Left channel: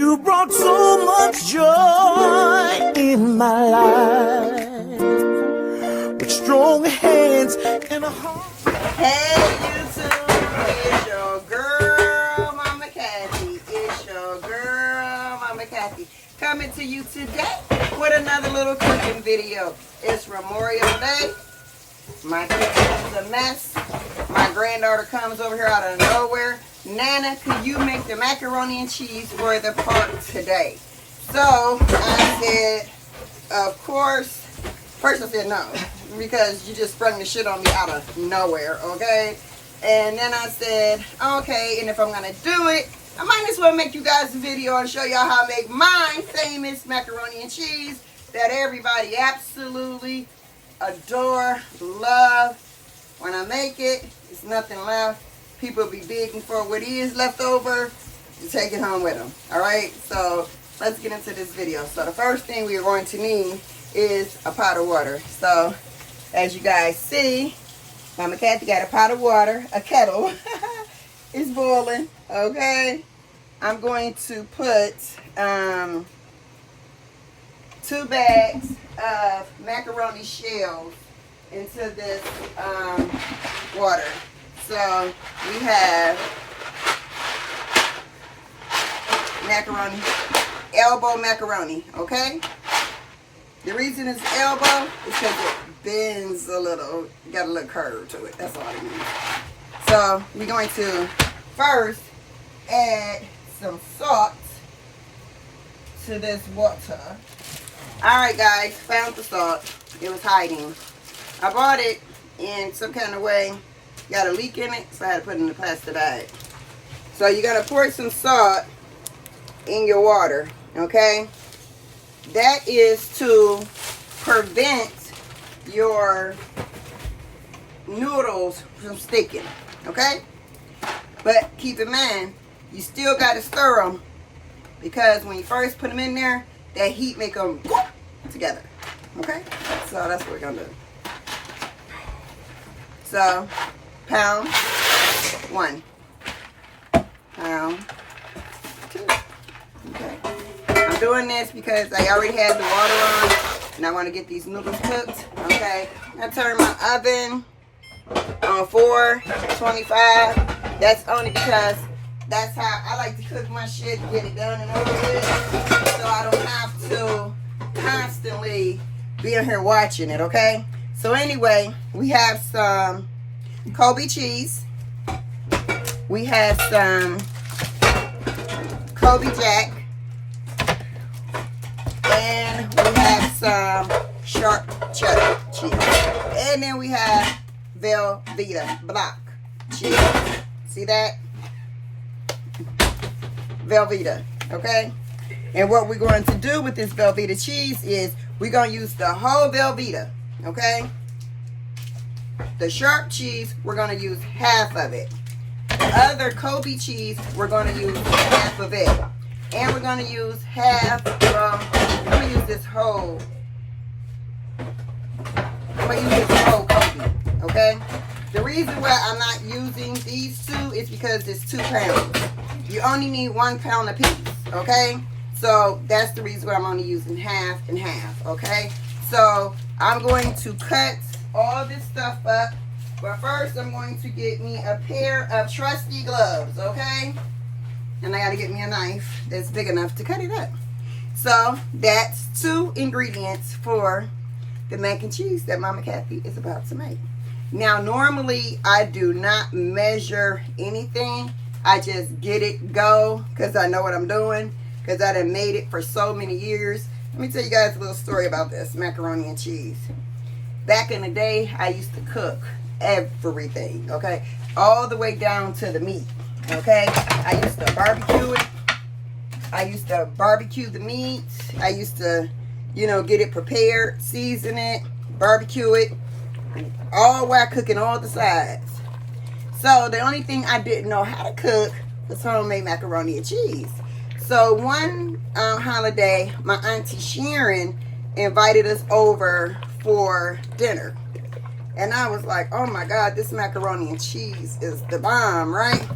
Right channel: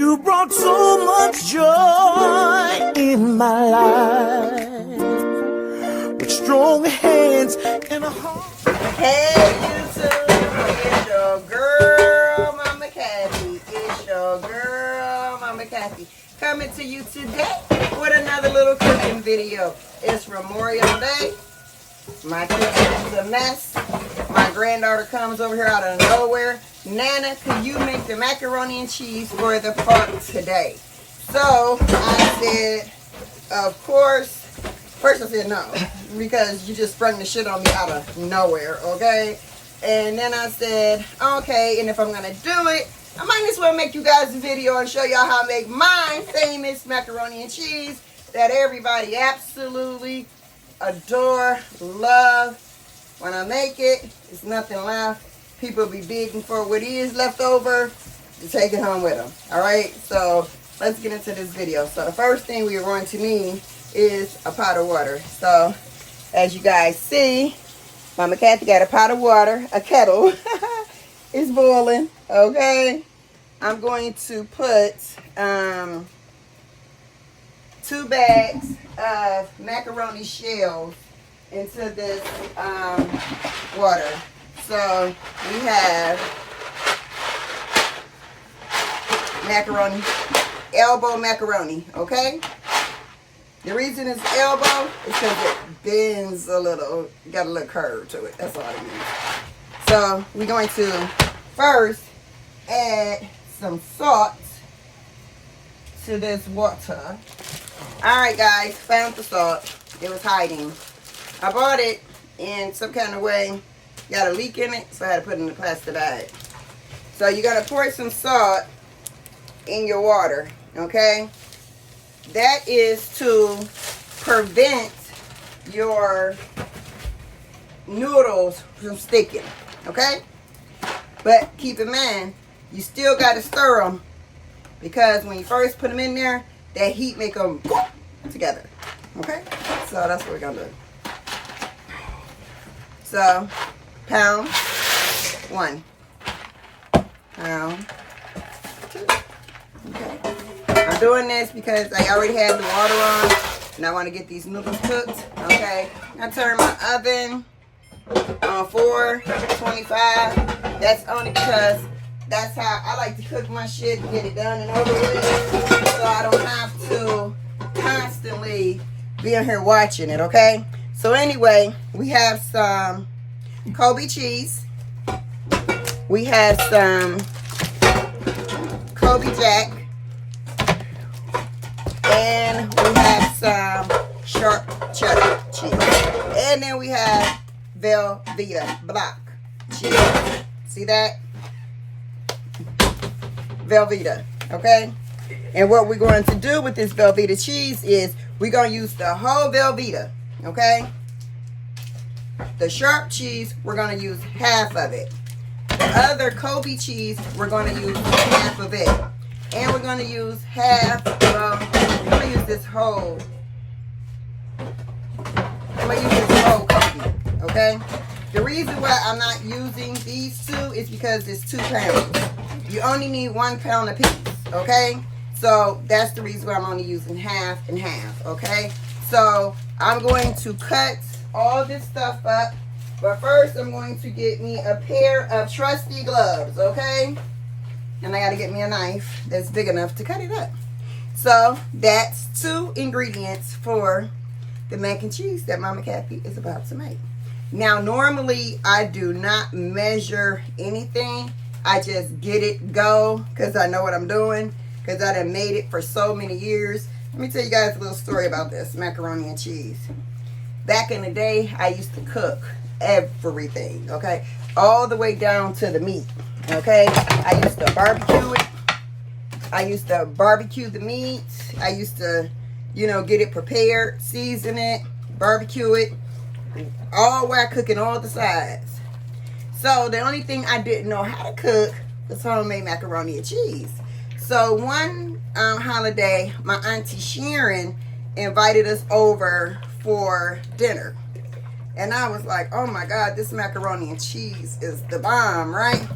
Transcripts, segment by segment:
You brought so much joy in my life, with strong hands and a heart. Hey YouTube, it's your girl, Mama Kathy. It's your girl, Mama Kathy. Coming to you today with another little cooking video. It's Memorial Day. My kitchen is a mess. My granddaughter comes over here out of nowhere. Nana, could you make the macaroni and cheese for the park today? So I said, of course. First I said no, because you just sprung the shit on me out of nowhere, okay? And then I said, okay, and if I'm gonna do it, I might as well make you guys a video and show y'all how I make my famous macaroni and cheese that everybody absolutely adore, love. When I make it, it's nothing left. People be begging for what is left over to take it home with them. All right, so let's get into this video. So the first thing we are going to need is a pot of water. So as you guys see, Mama Kathy got a pot of water, a kettle. It's boiling, okay? I'm going to put 2 bags of macaroni shells into this water. So we have macaroni, elbow macaroni, okay? The reason it's elbow is because it bends a little, got a little curve to it, that's all it means. So we're going to first add some salt to this water. Alright guys, found the salt. It was hiding. I bought it in some kind of way. Got a leak in it, so I had to put it in a plastic bag. So you're going to pour some salt in your water, okay? That is to prevent your noodles from sticking, okay? But keep in mind, you still got to stir them, because when you first put them in there, that heat make them together, okay? So that's what we're going to do. So, pound 1, pound 2, okay? I'm doing this because I already had the water on, and I want to get these noodles cooked, okay? I turn my oven on 425. That's only because that's how I like to cook my shit, get it done and over with, so I don't have to constantly be in here watching it, okay? So anyway, we have some Kobe cheese. We have some Kobe Jack. And we have some sharp cheddar cheese. And then we have Velveeta block cheese. See that? Velveeta, okay? And what we're going to do with this Velveeta cheese is we're going to use the whole Velveeta, okay? The sharp cheese, we're going to use half of it. The other Kobe cheese, we're going to use half of it. And we're going to use half, I'm going to use this whole, Kobe, okay? The reason why I'm not using these two is because it's 2 pounds. You only need 1 pound a piece, okay? So that's the reason why I'm only using half and half, okay? So I'm going to cut all this stuff up, but first I'm going to get me a pair of trusty gloves, okay? And I got to get me a knife that's big enough to cut it up. So that's 2 ingredients for the mac and cheese that Mama Kathy is about to make. Now normally I do not measure anything. I just get it go because I know what I'm doing, because I done made it for so many years. Let me tell you guys a little story about this macaroni and cheese. Back in the day, I used to cook everything, okay? All the way down to the meat, okay? I used to barbecue it. I used to barbecue the meat. I used to, you know, get it prepared, season it, barbecue it, all while cooking all the sides. So the only thing I didn't know how to cook was homemade macaroni and cheese. So one holiday, my auntie Sharon invited us over for dinner. And I was like, oh my God, this macaroni and cheese is the bomb, right?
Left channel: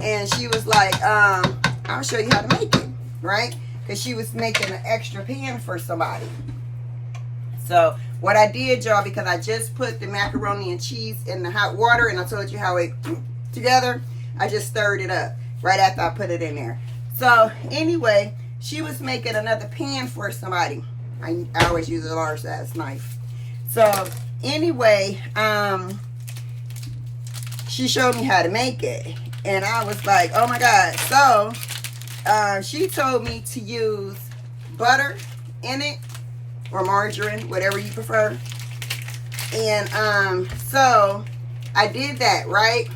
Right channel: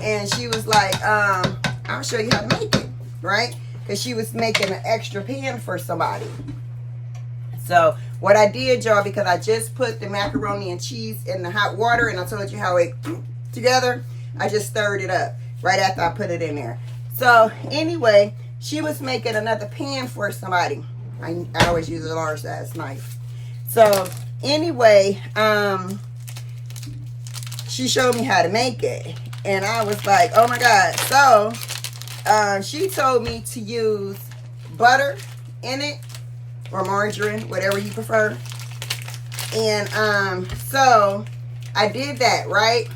And she was like, I'll show you how to make it. right? Because she was making an extra pan for somebody. So what I did, y'all, because I just put the macaroni and cheese in the hot water, and I told you how it together, I just stirred it up right after I put it in there. So anyway, she was making another pan for somebody. I always use a large size knife. So anyway, she showed me how to make it, and I was like, oh my God. So she told me to use butter in it, or margarine, whatever you prefer. And so I did that, right?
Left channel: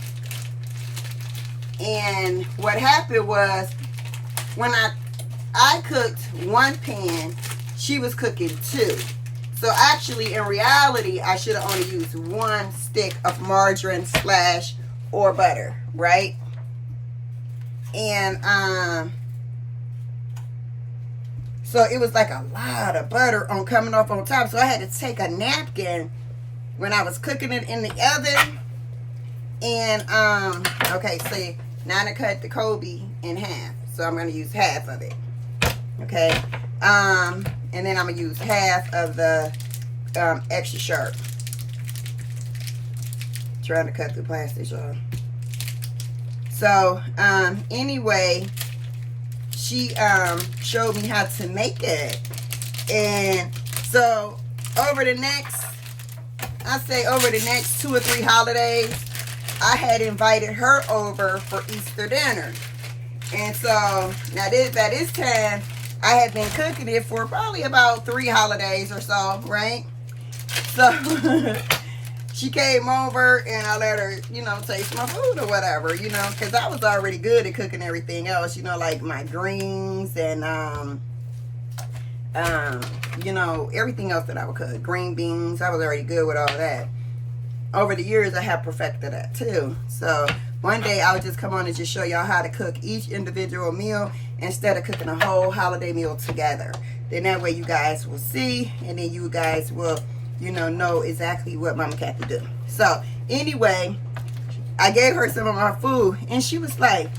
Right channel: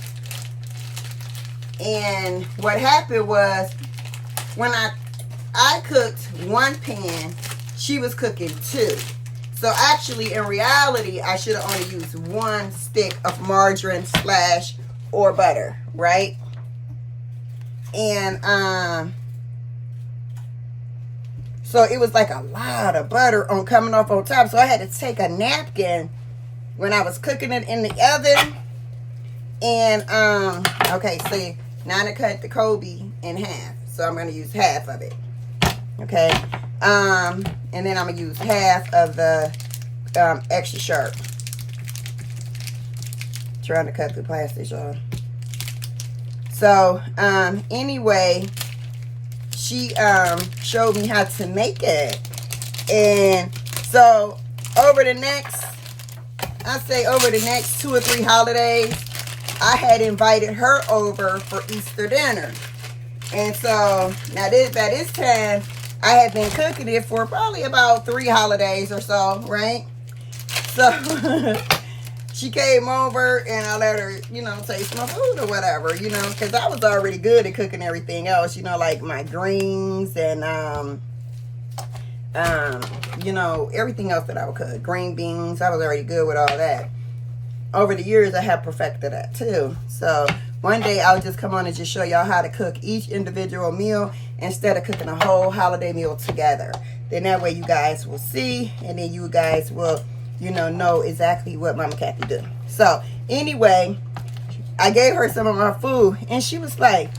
And what happened was, when I cooked one pan, she was cooking two. So actually, in reality, I should have only used one stick of margarine / or butter, right? And so it was like a lot of butter coming off on top. So I had to take a napkin when I was cooking it in the oven. And okay, so now I cut the Kobe in half. So I'm gonna use half of it. Okay. And then I'm gonna use half of the extra sharp. Trying to cut through plastic, y'all. So anyway, she showed me how to make it. And so over the next 2 or 3 holidays, I had invited her over for Easter dinner. And so now by this time, I had been cooking it for probably about 3 holidays or so, right? So she came over and I let her, taste my food or whatever, because I was already good at cooking everything else, like my greens and, everything else that I would cook. Green beans, I was already good with all that. Over the years, I have perfected that too. So one day I'll just come on and just show y'all how to cook each individual meal instead of cooking a whole holiday meal together. Then that way you guys will see, and then you guys will, know exactly what Mama Kathy do. So anyway, I gave her some of my food, and she was like,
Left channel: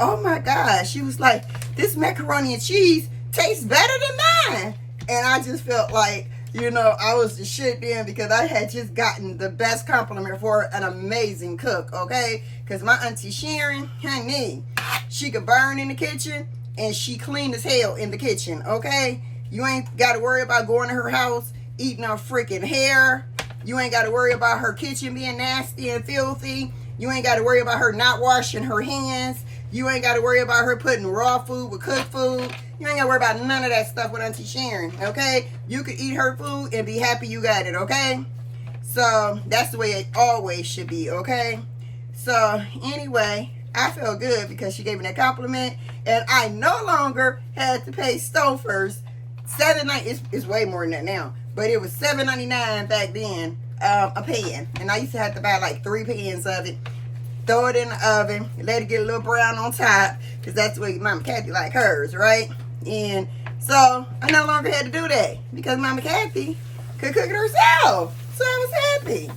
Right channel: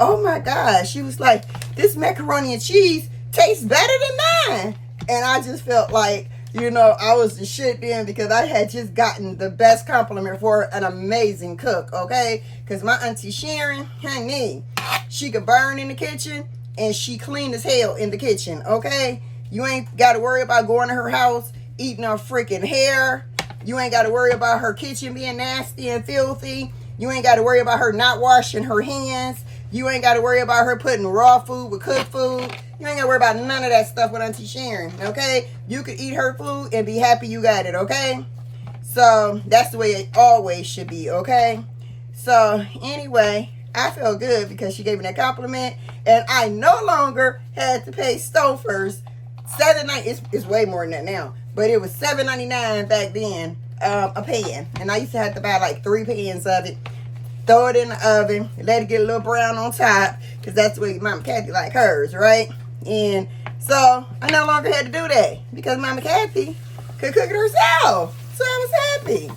oh my gosh. She was like, this macaroni and cheese tastes better than mine. And I just felt like, I was the shit then, because I had just gotten the best compliment for an amazing cook, okay? Because my auntie Sharon, honey, she could burn in the kitchen, and she clean as hell in the kitchen, okay? You ain't got to worry about going to her house, eating her freaking hair. You ain't got to worry about her kitchen being nasty and filthy. You ain't got to worry about her not washing her hands. You ain't got to worry about her putting raw food with cooked food. You ain't got to worry about none of that stuff with Auntie Sharon, okay? You could eat her food and be happy you got it, okay? So that's the way it always should be, okay? So anyway, I felt good because she gave me that compliment, and I no longer had to pay Stouffer's $7.99. It's way more than that now, but it was $7.99 back then, a pan, and I used to have to buy like 3 pans of it. Throw it in the oven, let it get a little brown on top, because that's the way Mama Kathy like hers, right? And so I no longer had to do that because Mama Kathy could cook it herself. So I was happy.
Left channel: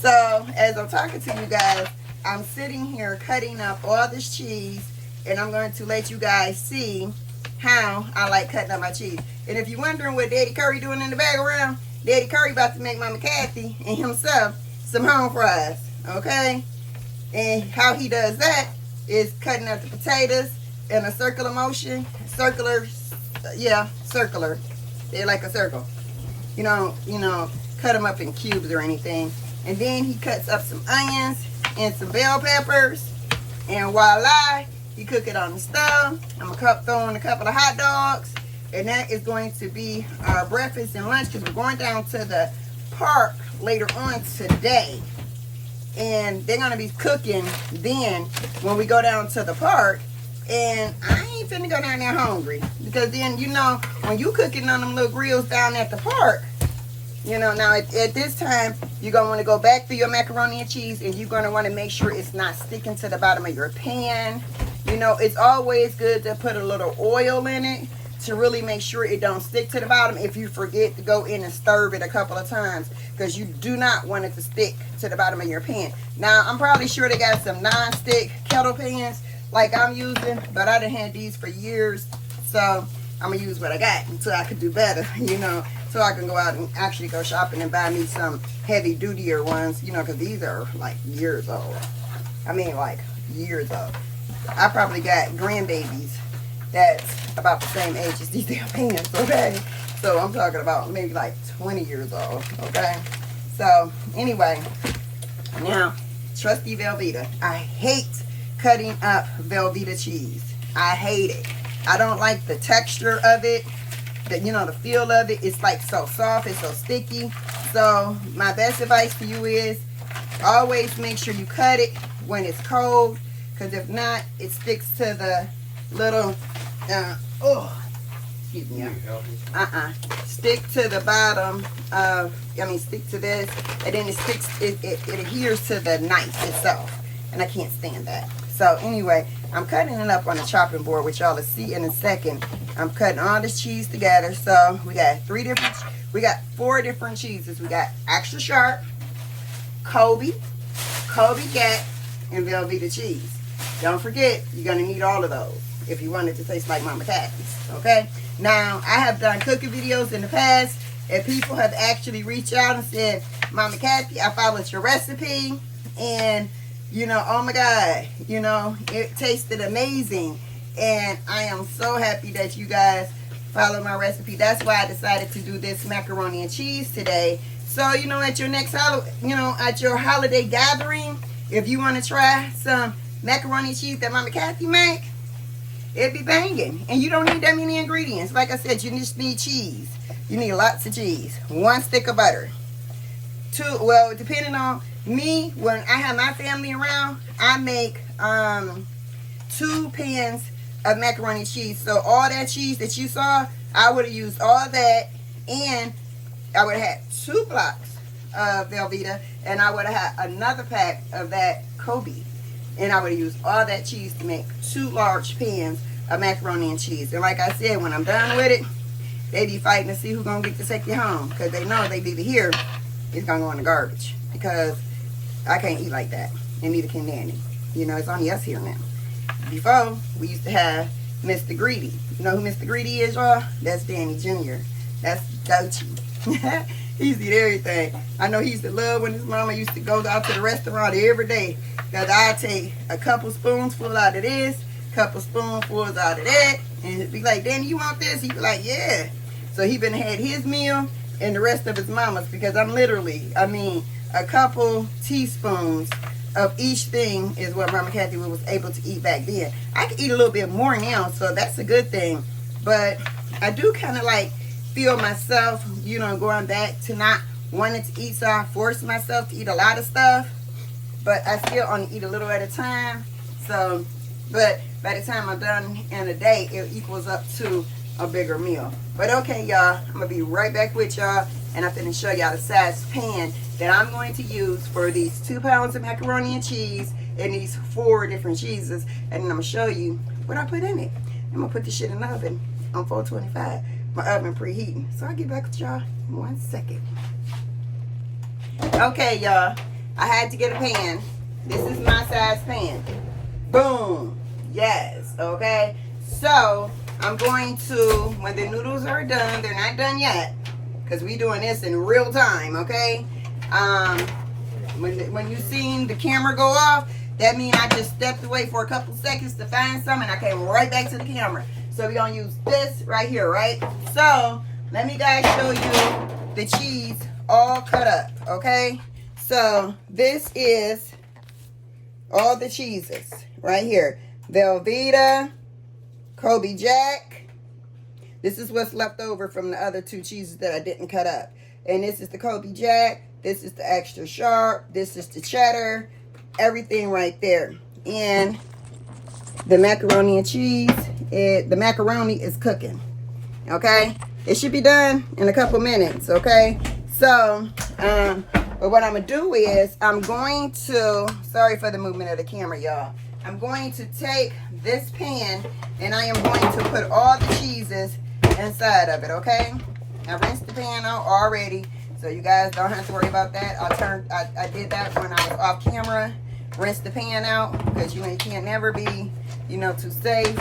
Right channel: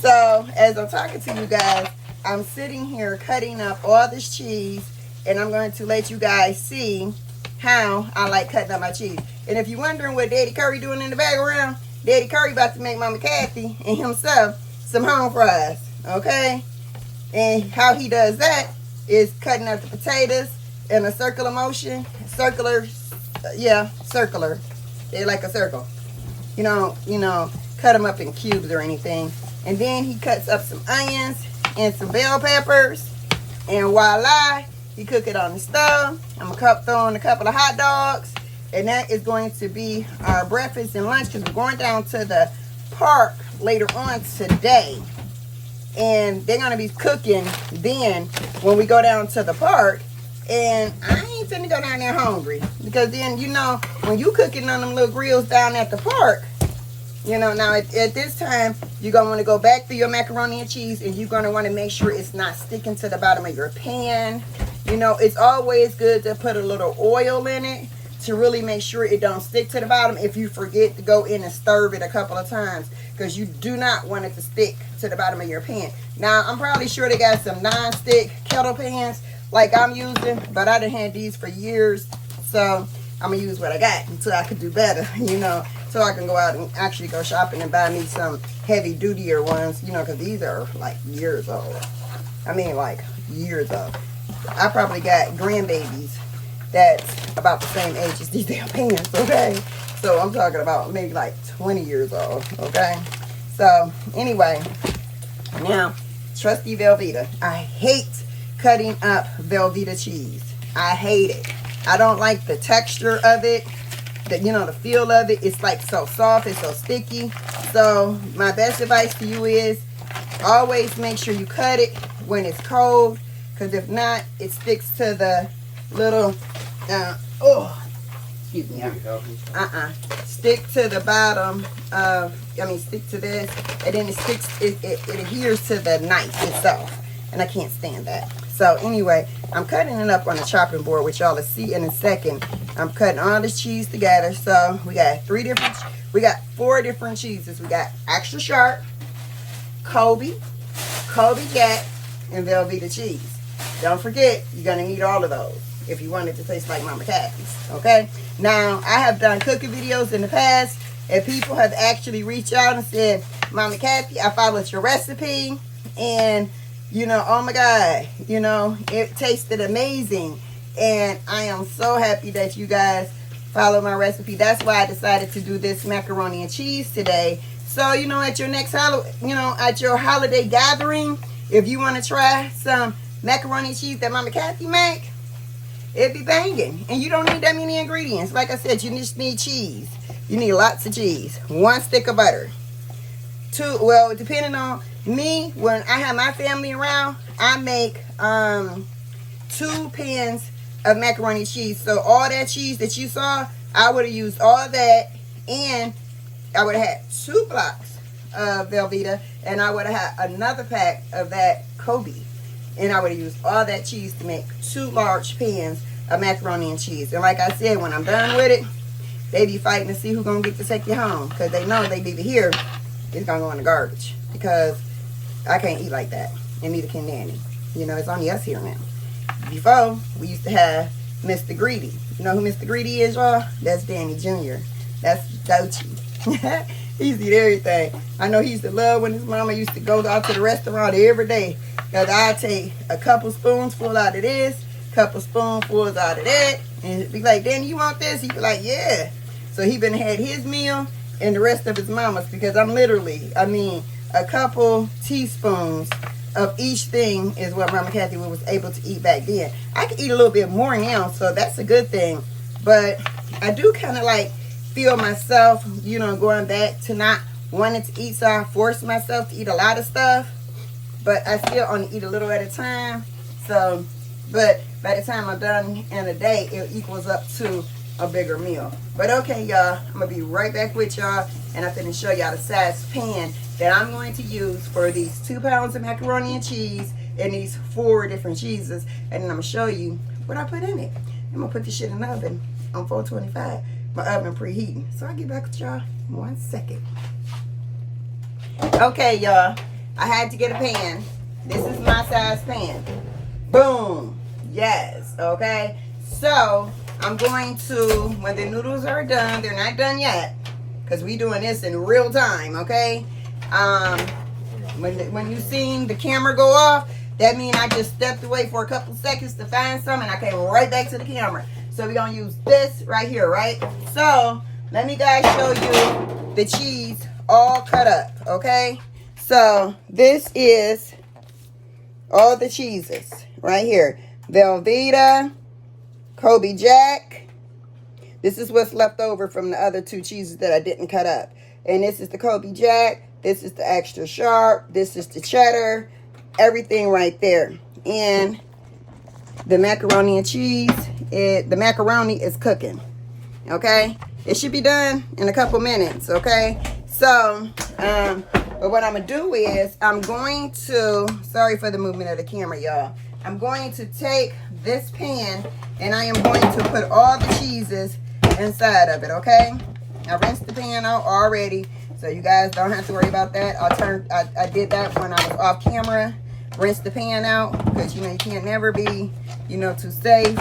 So as I'm talking to you guys, I'm sitting here cutting up all this cheese, and I'm going to let you guys see how I like cutting up my cheese. And if you're wondering what Daddy Curry doing in the background, Daddy Curry about to make Mama Kathy and himself some home fries, okay? And how he does that is cutting up the potatoes in a circular motion. Circular. They're like a circle. Cut them up in cubes or anything. And then he cuts up some onions and some bell peppers. And voila, he cook it on the stove. I'm going to throw in a couple of hot dogs. And that is going to be our breakfast and lunch, because we're going down to the park later on today. And they're going to be cooking then when we go down to the park. And I ain't finna go down there hungry. Because then, when you cooking on them little grills down at the park, now at this time, you're going to want to go back through your macaroni and cheese. And you're going to want to make sure it's not sticking to the bottom of your pan. It's always good to put a little oil in it to really make sure it don't stick to the bottom if you forget to go in and stir it a couple of times, because you do not want it to stick to the bottom of your pan. Now, I'm probably sure they got some non-stick kettle pans like I'm using, but I done had these for years, So I'm gonna use what I got until I could do better, you know, so I can go out and actually go shopping and buy me some heavy duty ones, you know, because these are like years old. I mean, like years old. I probably got grandbabies that's about the same age as these damn pants, okay? So I'm talking about maybe like 20 years old, okay? So anyway, now, trusty Velveeta. I hate cutting up Velveeta cheese. I hate it. I don't like the texture of it, you know, the feel of it. It's like so soft, it's so sticky. So my best advice to you is always make sure you cut it when it's cold, because if not, it sticks to the little, excuse me, stick to the bottom of, stick to this, and then it adheres to the knife itself, and I can't stand that. So anyway, I'm cutting it up on the chopping board, which y'all will see in a second. I'm cutting all this cheese together. So we got 4 different cheeses. We got extra sharp, Kobe Jack, and Velveeta cheese. Don't forget, you're gonna need all of those if you want it to taste like Mama Kathy's, okay? Now, I have done cooking videos in the past, and people have actually reached out and said, Mama Kathy, I followed your recipe, and, you know, oh my God, you know, it tasted amazing. And I am so happy that you guys follow my recipe. That's why I decided to do this macaroni and cheese today. So, you know, at your next at your holiday gathering, if you want to try some macaroni and cheese that Mama Kathy make, it'd be banging. And you don't need that many ingredients. Like I said, you just need cheese. You need lots of cheese. 1 stick of butter. 2, well, depending on me, when I have my family around, I make 2 pans of macaroni and cheese. So all that cheese that you saw, I would have used all that, and I would have had 2 blocks of Velveeta, and I would have had another pack of that Kobe. And I would have used all that cheese to make 2 large pans of macaroni and cheese. And like I said, when I'm done with it, they be fighting to see who's going to get to take you home. Because they know if they leave it here, it's going to go in the garbage. Because I can't eat like that. And neither can Danny. You know, it's only us here now. Before, we used to have Mr. Greedy. You know who Mr. Greedy is, y'all? That's Danny Jr. That's Dochi. He used to eat everything. I know he used to love when his mama used to go out to the restaurant every day. Because I'd take a couple spoonfuls out of this, couple spoonfuls out of that, and be like, Danny, you want this? He'd be like, yeah. So he been had his meal and the rest of his mama's, because I'm literally, a couple teaspoons of each thing is what Mama Kathy was able to eat back then. I can eat a little bit more now, so that's a good thing. But I do kind of like feel myself, you know, going back to not wanting to eat, so I force myself to eat a lot of stuff. But I still only eat a little at a time. So, but by the time I'm done in a day, it equals up to a bigger meal. But okay, y'all, I'm going to be right back with y'all. And I'm going to show y'all the size pan that I'm going to use for these 2 pounds of macaroni and cheese and these 4 different cheeses. And then I'm going to show you what I put in it. I'm going to put this shit in the oven on 425. My oven preheating. So I'll get back with y'all in 1 second. Okay, y'all. I had to get a pan. This is my size pan. Boom. Yes. Okay. So I'm going to, when the noodles are done, they're not done yet, because we doing this in real time. Okay. When you seen the camera go off, that means I just stepped away for a couple seconds to find some, and I came right back to the camera. So we're gonna use this right here, right? So let me guys show you the cheese all cut up. Okay. So this is all the cheeses right here. Velveeta, Kobe Jack. This is what's left over from the other 2 cheeses that I didn't cut up. And this is the Kobe Jack. This is the extra sharp. This is the cheddar. Everything right there. And the macaroni and cheese, the macaroni is cooking. Okay? It should be done in a couple minutes. Okay? So, but what I'm going to do is, I'm going to, sorry for the movement of the camera, y'all. I'm going to take this pan, and I am going to put all the cheeses inside of it, okay? I rinsed the pan out already, so you guys don't have to worry about that. I did that when I was off camera. Rinse the pan out, because you can't never be, too safe.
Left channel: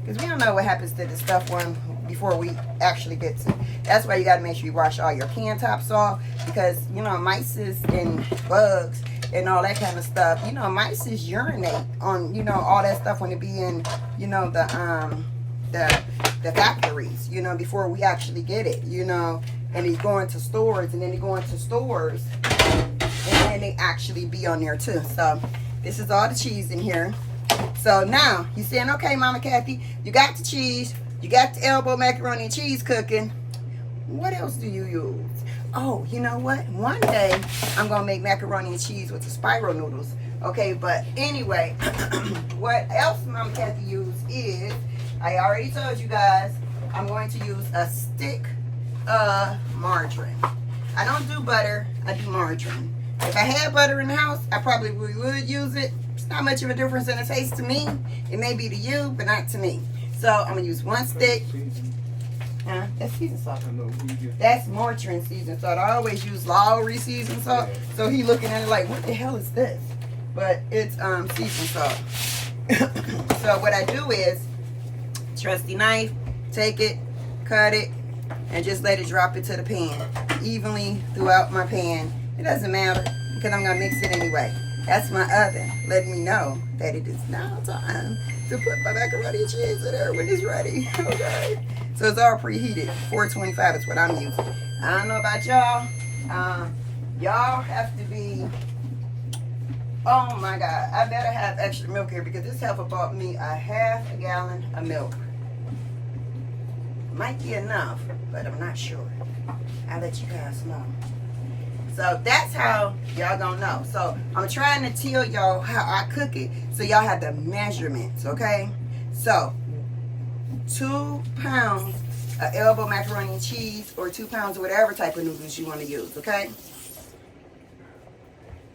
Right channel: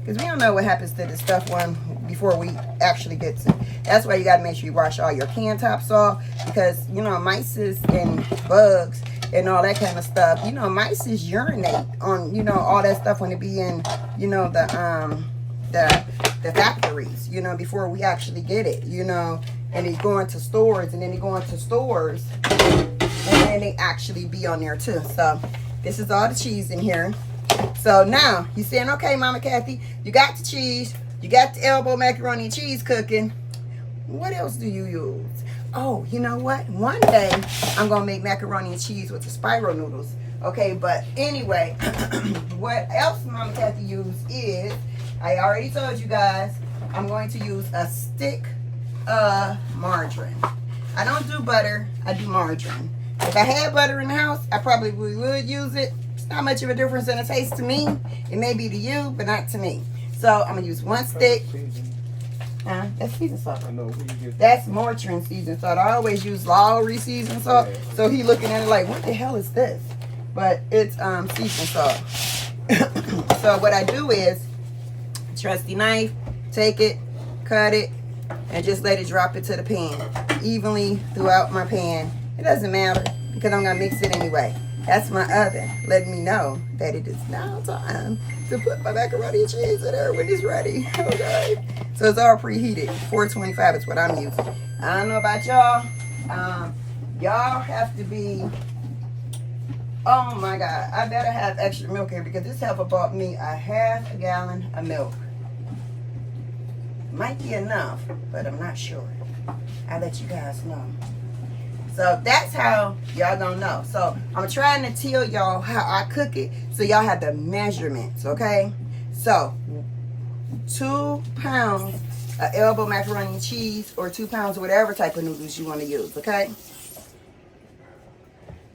because we don't know what happens to the stuff one before we actually get to. That's why you got to make sure you wash all your can tops off, because you know mice and bugs and all that kind of stuff. You know, mice urinate on, you know, all that stuff when it be in, you know, the factories, you know, before we actually get it, you know, and it's going to stores, and then they go into stores, and then they actually be on there too. So this is all the cheese in here. So now you're saying, okay, Mama Kathy, you got the cheese, you got the elbow macaroni and cheese cooking. What else do you use? Oh, you know what? One day I'm gonna make macaroni and cheese with the spiral noodles. Okay, but anyway, what else Mama Kathy used is, I already told you guys, I'm going to use a stick of margarine. I don't do butter, I do margarine. If I had butter in the house, I probably would use it. It's not much of a difference in the taste to me. It may be to you, but not to me. So I'm gonna use one stick. That's seasoned salt. I know. That's margarine seasoned salt. I always use Lowry seasoned salt. So he looking at it like, what the hell is this? But it's seasoned salt. So what I do is, trusty knife, take it, cut it, and just let it drop into the pan evenly throughout my pan. It doesn't matter because I'm gonna mix it anyway. That's my oven letting me know that it is now time to put my macaroni and cheese in there when it's ready. Okay, so it's all preheated. 425 is what I'm using. I don't know about y'all. Y'all have to be, oh my God, I better have extra milk here because this helper bought me a half a gallon of milk. Might be enough, but I'm not sure. I'll let you guys know. So that's how y'all gonna know. So I'm trying to tell y'all how I cook it so y'all have the measurements, okay? So 2 pounds of elbow macaroni and cheese, or 2 pounds of whatever type of noodles you want to use, okay?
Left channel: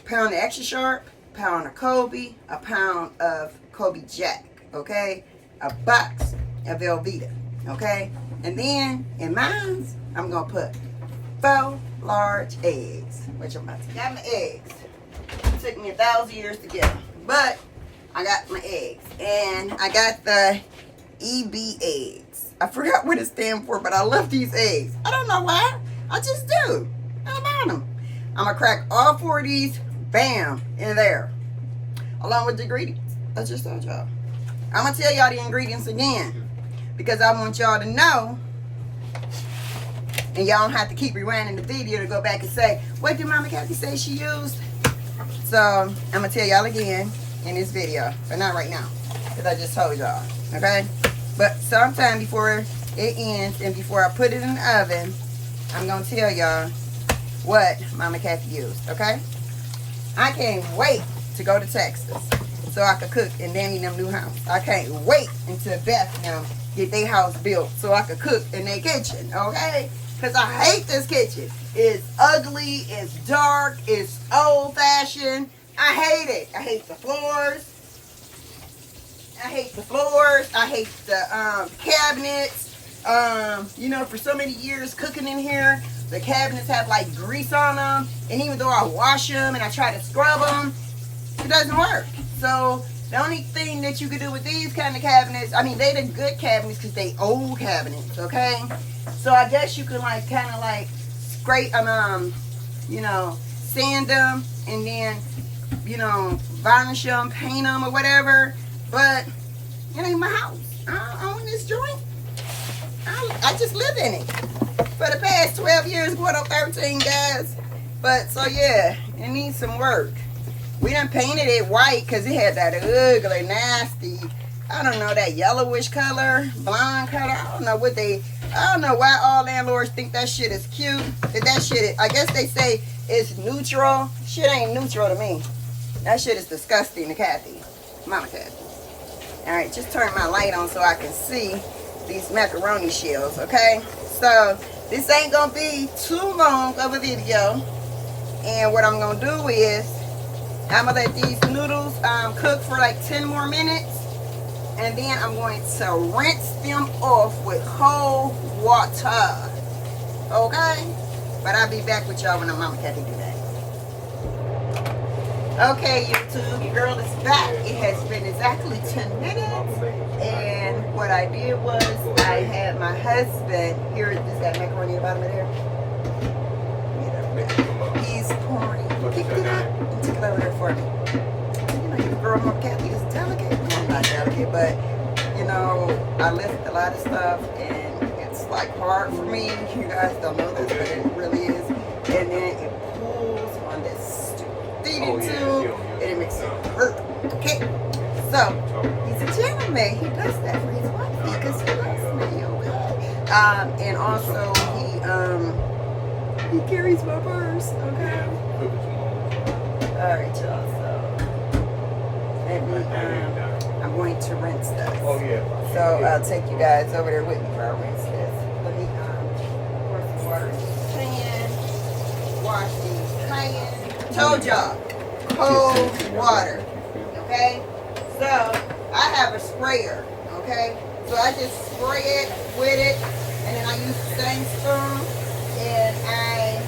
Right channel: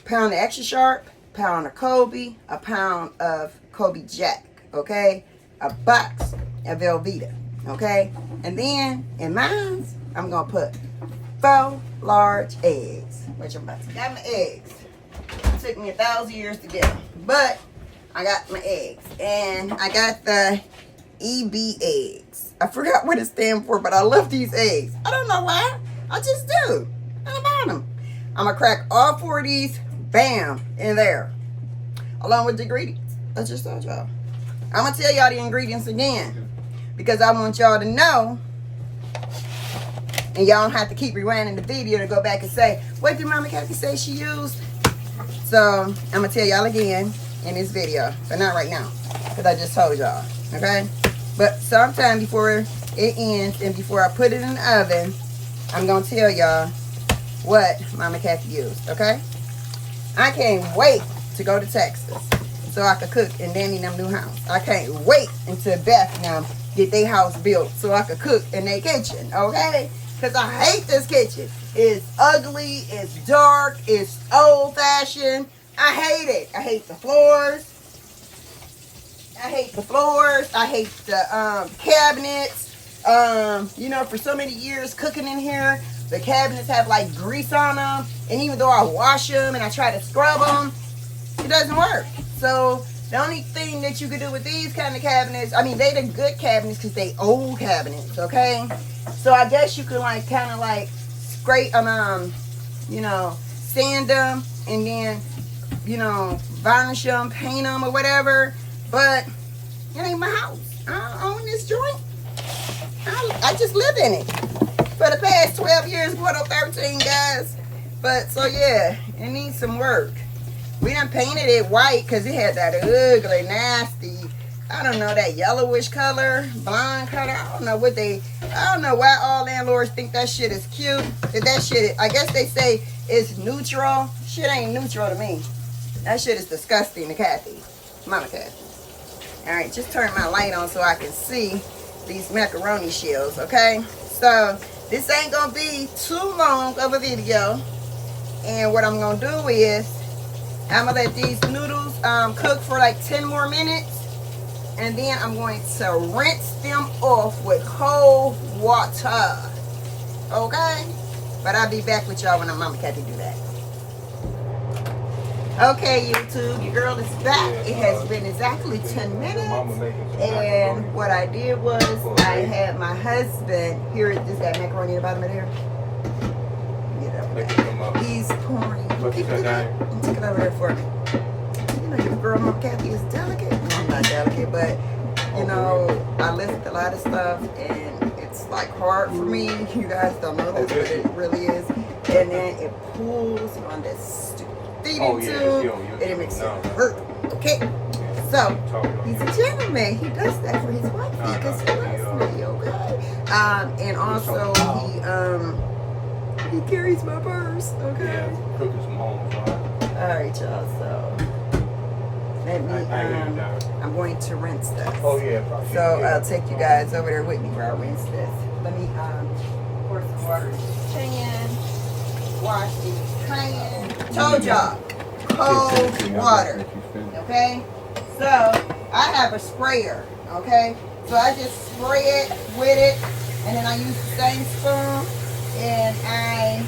Pound of extra sharp, pound of Kobe, a pound of Kobe Jack, okay? A box of Velveeta, okay? And then in mine, I'm gonna put 4 large eggs, which I'm about to got my eggs. It took me 1,000 years to get them, but I got my eggs, and I got the EB eggs. I forgot what it stands for, but I love these eggs. I don't know why. I just do. I love them. I'm gonna crack all 4 of these, bam, in there, along with the ingredients. I just told y'all. I'm gonna tell y'all the ingredients again because I want y'all to know. And y'all don't have to keep rewinding the video to go back and say, what did Mama Kathy say she used? So, I'm going to tell y'all again in this video. But not right now. Because I just told y'all. Okay? But sometime before it ends and before I put it in the oven, I'm going to tell y'all what Mama Kathy used. Okay? I can't wait to go to Texas so I could cook in Danny and them new house. I can't wait until Beth and them get their house built so I could cook in their kitchen. Okay? Because I hate this kitchen. It's ugly, it's dark, it's old-fashioned. I hate it. I hate the floors. I hate the floors. I hate the cabinets. You know, for so many years cooking in here, the cabinets have like grease on them. And even though I wash them and I try to scrub them, it doesn't work. So the only thing that you can do with these kind of cabinets, I mean, they the good cabinets because they old cabinets, okay? So I guess you could like kind of like scrape them, you know, sand them and then, you know, varnish them, paint them or whatever. But it ain't my house. I don't own this joint. I just live in it for the past 12 years, going on 13, guys. But so yeah, it needs some work. We done painted it white because it had that ugly, nasty, I don't know, that yellowish color, blonde color. I don't know why all landlords think that shit is cute. That shit, I guess they say it's neutral. Shit ain't neutral to me. That shit is disgusting to Kathy. Mama Kathy. Alright, just turn my light on so I can see these macaroni shells, okay? So, this ain't gonna be too long of a video. And what I'm gonna do is, I'm gonna let these noodles cook for like 10 more minutes. And then I'm going to rinse them off with cold water. Okay? But I'll be back with y'all when Mama Kathy do that. Okay, YouTube, your girl is back. It has been exactly 10 minutes. And what I did was I had my husband, here, this got macaroni at the bottom of there. He's pouring. Pick it up and take it over there for me. You know, your girl, Mama Kathy, is delicate. No, I'm not delicate, but, you know, I lift a lot of stuff and it's like hard for me. You guys don't know this, but it really is. And then it pulls on this stupid feeding tube and it makes it hurt. Okay? So, he's a gentleman. He does that for his wife because he loves me, okay? And also, he carries my purse, okay? Alright, y'all, so let me, I'm going to rinse this. So I'll take you guys over there with me where I rinse this. Let me pour some water in this pan, wash these cayenne. Told y'all, cold water, okay? So I have a sprayer, okay? So I just spray it with it, and then I use the same spoon, and I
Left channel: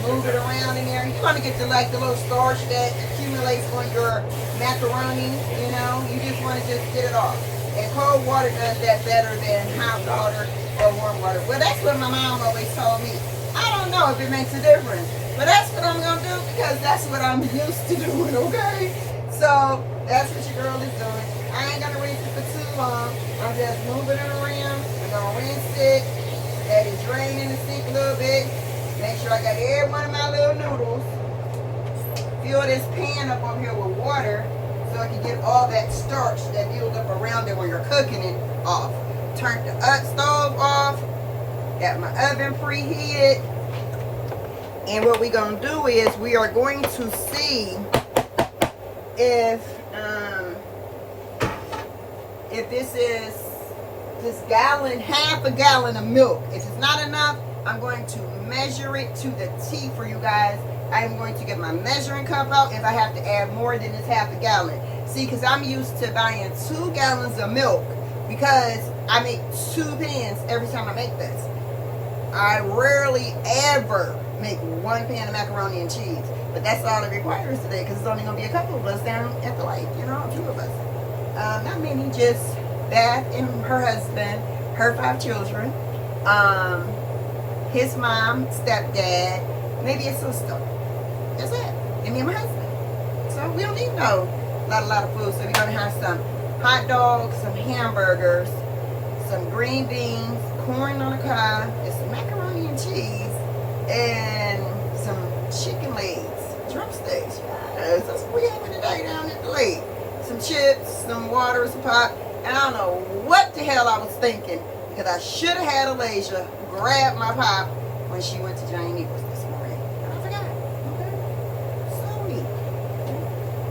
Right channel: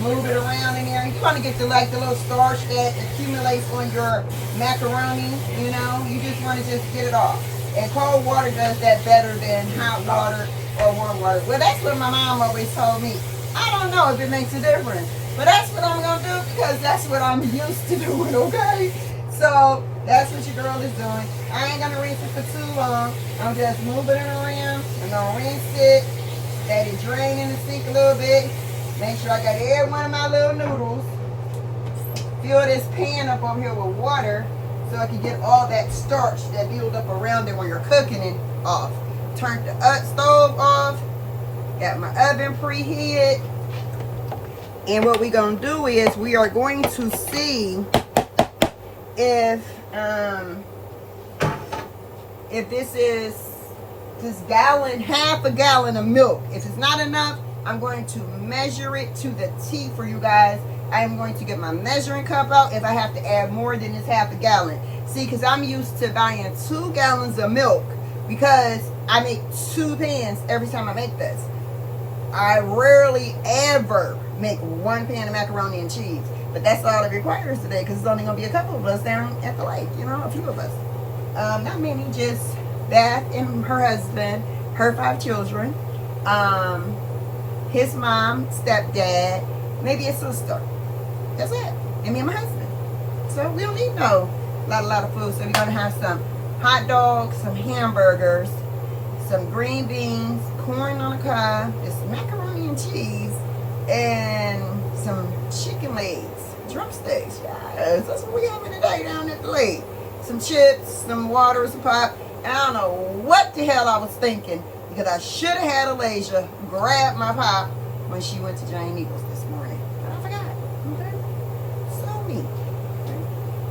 move it around in there. You want to get the little starch that accumulates on your macaroni, you know. You just want to just get it off. And cold water does that better than hot water or warm water. Well, that's what my mom always told me. I don't know if it makes a difference, but that's what I'm going to do because that's what I'm used to doing, okay? So that's what your girl is doing. I ain't going to rinse it for too long. I'm just moving it around. I'm going to rinse it. Let it drain in the sink a little bit. Make sure I got every one of my little noodles. Fill this pan up over here with water so I can get all that starch that builds up around it when you're cooking it off. Turn the stove off. Got my oven preheated. And what we're going to do is we are going to see if this is gallon, half a gallon of milk. If it's not enough, I'm going to measure it to the T for you guys. I am going to get my measuring cup out if I have to add more than this half a gallon. See, because I'm used to buying 2 gallons of milk because I make 2 pans every time I make this. I rarely ever make 1 pan of macaroni and cheese. But that's all it requires today because it's only going to be a couple of us down at the lake. You know, a few of us. Not many, just Beth and her husband, her 5 children. His mom, stepdad, maybe a sister. That's it. And me and my husband. So we don't need a lot of food. So we're going to have some hot dogs, some hamburgers, some green beans, corn on the cob, and some macaroni and cheese, and some chicken legs, drumsticks. Yes, that's what we having today down at the lake. Some chips, some water, some pop. And I don't know what the hell I was thinking. Because I should have had Alasia grab my pop when she went to Giant Eagles this morning. But I forgot. Okay? So neat. Okay?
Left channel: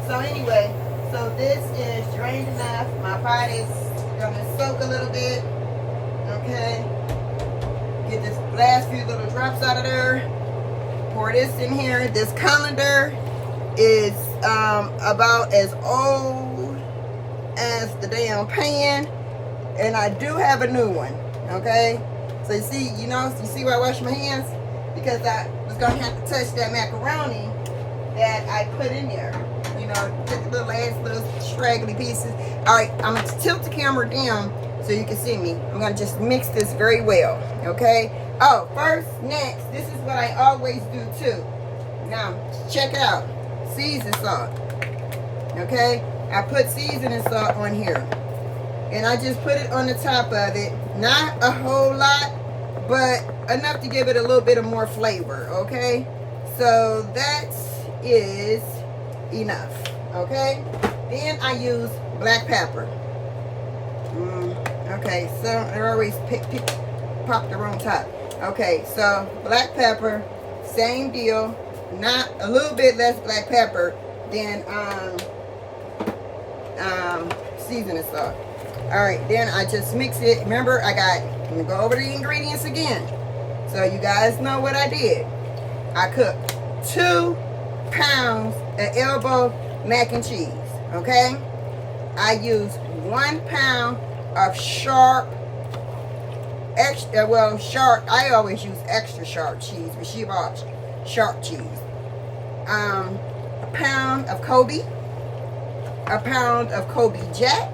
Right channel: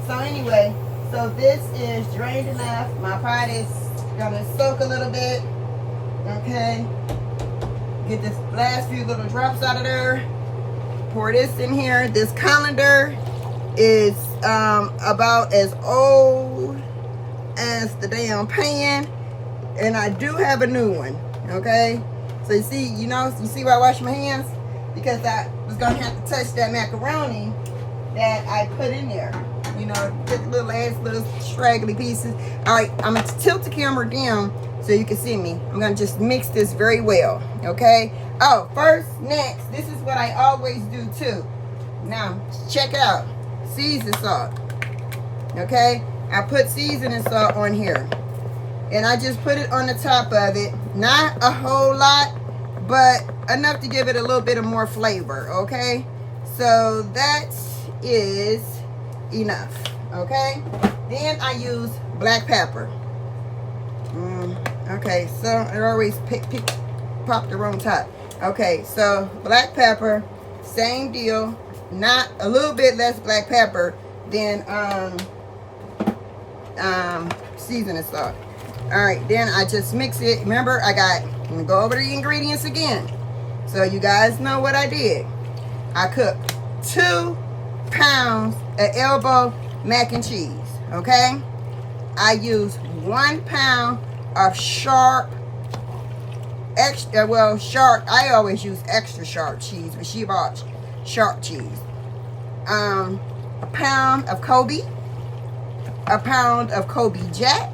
So anyway, so this is drained enough. My pot is going to soak a little bit. Okay? Get this last few little drops out of there. Pour this in here. This colander is about as old as the damn pan. And I do have a new one, okay? So you see, you see why I wash my hands? Because I was gonna have to touch that macaroni that I put in there. You know, get the little straggly pieces. All right, I'm gonna tilt the camera down so you can see me. I'm gonna just mix this very well, okay? Oh, next, this is what I always do too. Now, check it out. Season salt, okay? I put seasoning salt on here. And I just put it on the top of it. Not a whole lot, but enough to give it a little bit of more flavor, okay? So that is enough, okay? Then I use black pepper. Okay, so I always pop the wrong top. Okay, so black pepper, same deal. Not a little bit less black pepper than seasoning salt. All right, then I just mix it. Remember, I'm gonna go over the ingredients again. So you guys know what I did. I cooked 2 pounds of elbow mac and cheese, okay? I used 1 pound of sharp, I always use extra sharp cheese, but she bought sharp cheese. a pound of Kobe, a pound of Kobe Jack,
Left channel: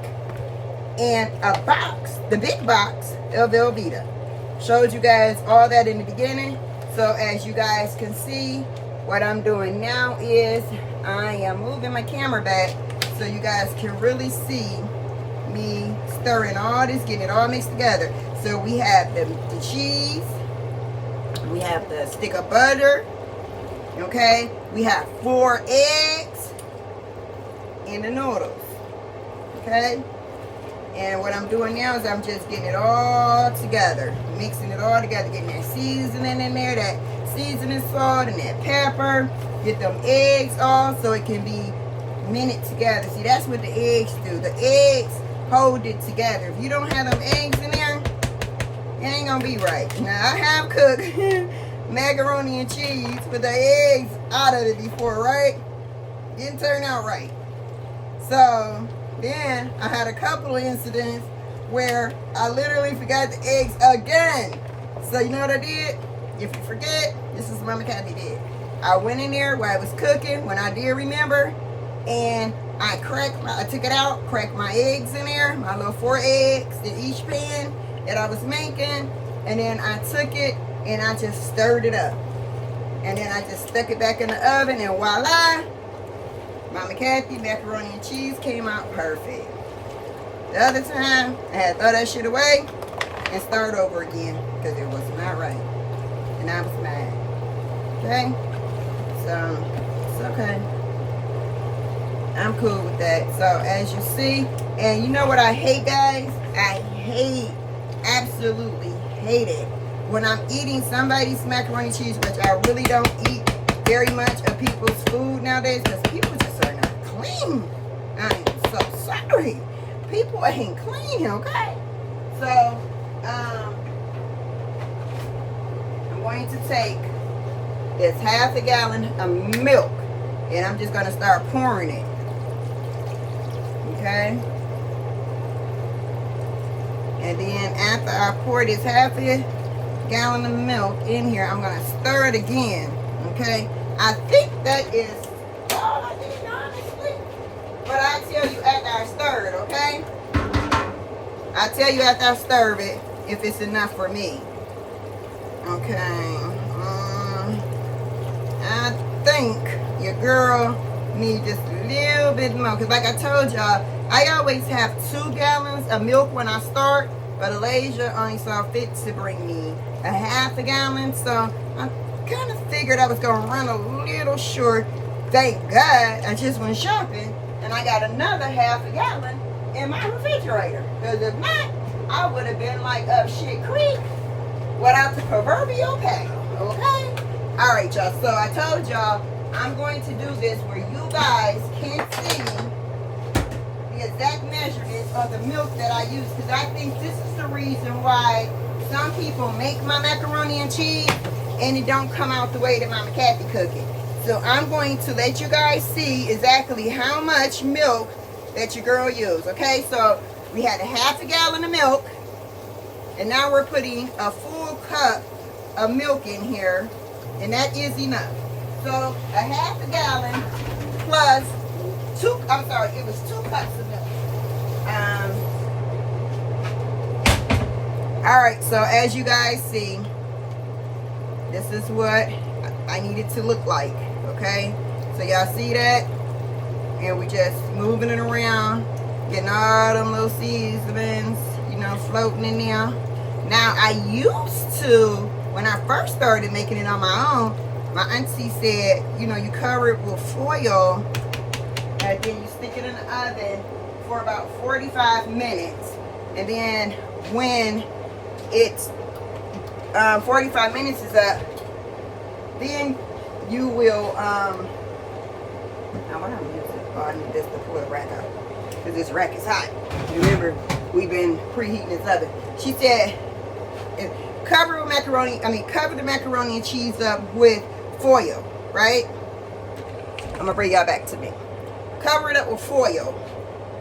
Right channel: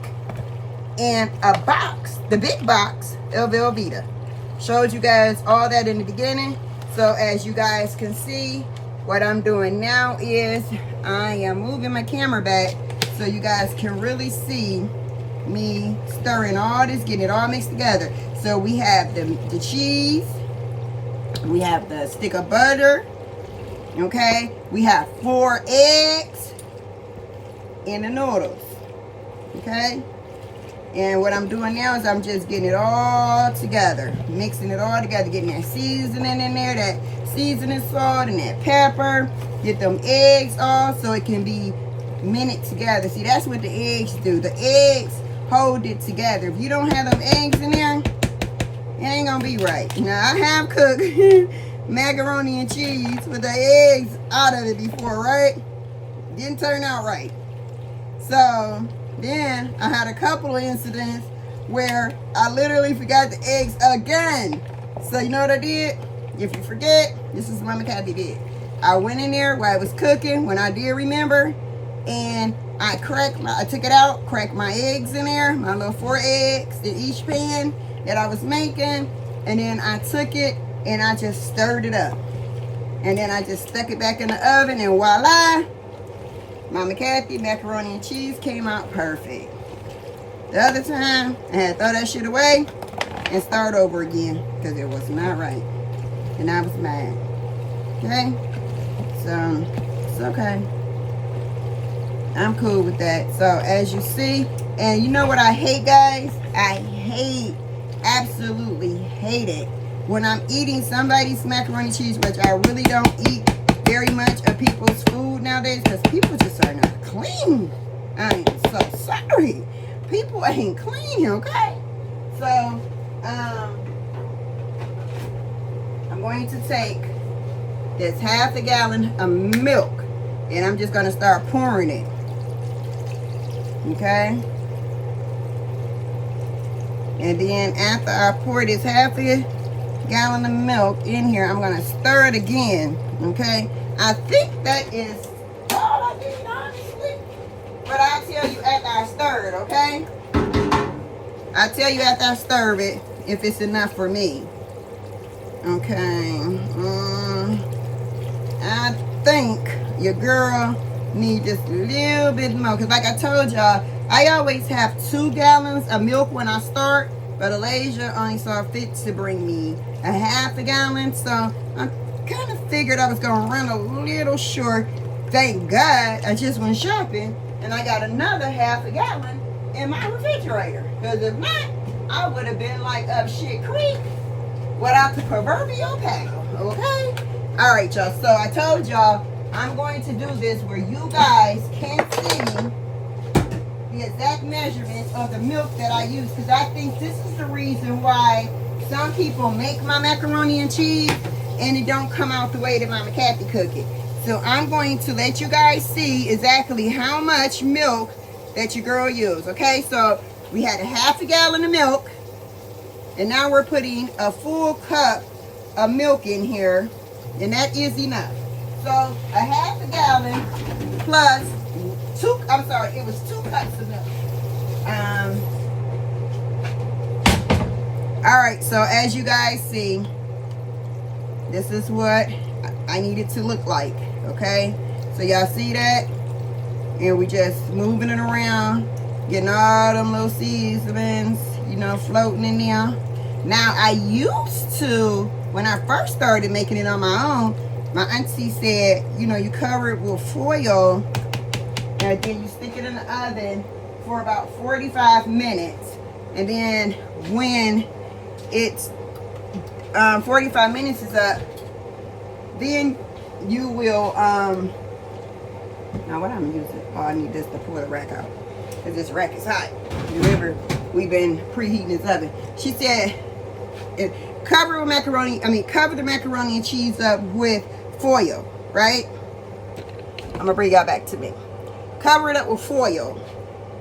and a box, the big box of Velveeta. Showed you guys all that in the beginning. So as you guys can see, what I'm doing now is I am moving my camera back so you guys can really see me stirring all this, getting it all mixed together. So we have the cheese, we have the stick of butter, okay? We have 4 eggs and the noodles, okay? And what I'm doing now is I'm just getting it all together, mixing it all together, getting that seasoning in there, that seasoning salt and that pepper. Get them eggs all so it can be minute together. See, that's what the eggs do. The eggs hold it together. If you don't have them eggs in there, it ain't gonna be right. Now, I have cooked macaroni and cheese with the eggs out of it before, right? Didn't turn out right. So then I had a couple of incidents where I literally forgot the eggs again. So you know what I did? If you forget, this is what Mama Kathy did. I went in there while I was cooking, when I did remember, and I took it out, cracked my eggs in there, my little 4 eggs in each pan that I was making, and then I took it and I just stirred it up. And then I just stuck it back in the oven, and voila, Mama Kathy macaroni and cheese came out perfect. The other time, I had to throw that shit away and start over again because it was not right. And I was mad. Okay? So, it's okay. I'm cool with that. So, as you see, and you know what I hate, guys? I hate, absolutely hate it when I'm eating somebody's macaroni and cheese, which I really don't eat very much of people's food nowadays because people just are not clean. I am so sorry. People ain't clean, okay? So, I'm going to take this half a gallon of milk and I'm just going to start pouring it. Okay? And then after I pour this half a gallon of milk in here, I'm going to stir it again. Okay? I think that is all I did, honestly. But I'll tell you after I stir it, okay? I'll tell you after I stir it if it's enough for me. Okay. I think your girl needs just a little bit more. Because like I told y'all, I always have 2 gallons of milk when I start. But Alasia only saw fit to bring me a half a gallon. So I kind of figured I was going to run a little short. Thank God I just went shopping and I got another half a gallon in my refrigerator. Because if not, I would have been like up shit creek without the proverbial paddle. Okay? Alright, y'all. So I told y'all I'm going to do this where you guys can see the exact measurements of the milk that I use. Because I think this is the reason why some people make my macaroni and cheese and it don't come out the way that Mama Kathy cook it. So I'm going to let you guys see exactly how much milk that your girl used. Okay, so we had a half a gallon of milk. And now we're putting a full cup of milk in here. And that is enough. So a half a gallon plus it was 2 cups of milk. Alright, so as you guys see, this is what I need it to look like. Okay, so y'all see that? And we just moving it around, getting all them little seasonings, you know, floating in there. Now, I used to, when I first started making it on my own, my auntie said, you know, you cover it with foil and then you stick it in the oven for about 45 minutes. And then when it's 45 minutes is up, then you will, now what I'm using, oh, I need this to pull the rack out because this rack is hot. Remember, we've been preheating this oven. She said, cover the macaroni and cheese up with foil, right? I'm gonna bring y'all back to me. Cover it up with foil.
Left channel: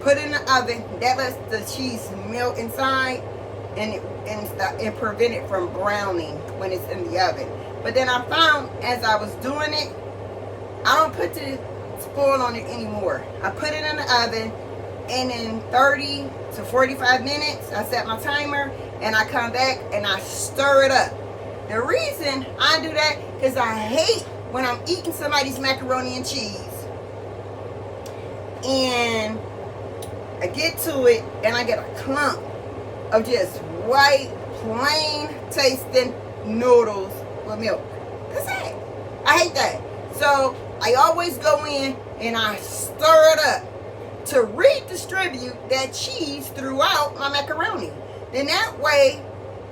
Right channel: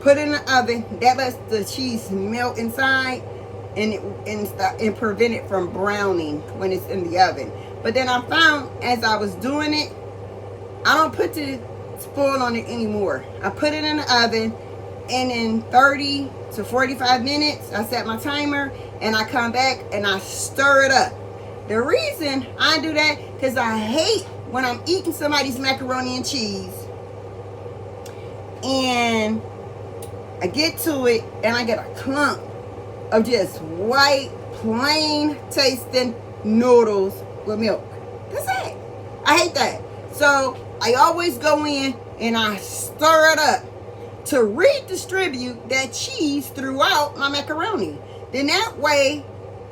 Put it in the oven. That lets the cheese melt inside and prevent it from browning when it's in the oven. But then I found as I was doing it, I don't put the spoil on it anymore. I put it in the oven, and in 30 to 45 minutes, I set my timer, and I come back and I stir it up. The reason I do that, because I hate when I'm eating somebody's macaroni and cheese, and I get to it, and I get a clump of just white, plain tasting noodles with milk. That's it. I hate that. So I always go in and I stir it up to redistribute that cheese throughout my macaroni. Then that way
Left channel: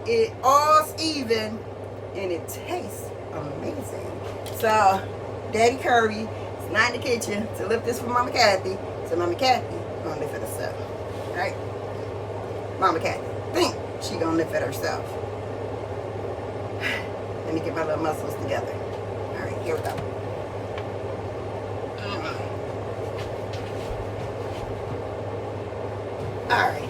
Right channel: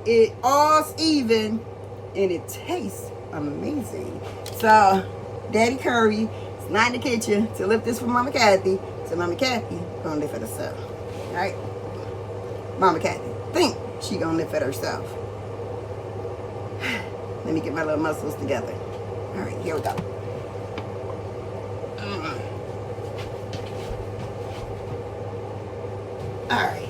it all's even and it tastes amazing. So Daddy Curry is not in the kitchen to lift this for Mama Kathy. So Mama Kathy gonna lift it herself. Alright? Mama Kathy think she gonna lift it herself. Let me get my little muscles together. Alright, here we go. Alright.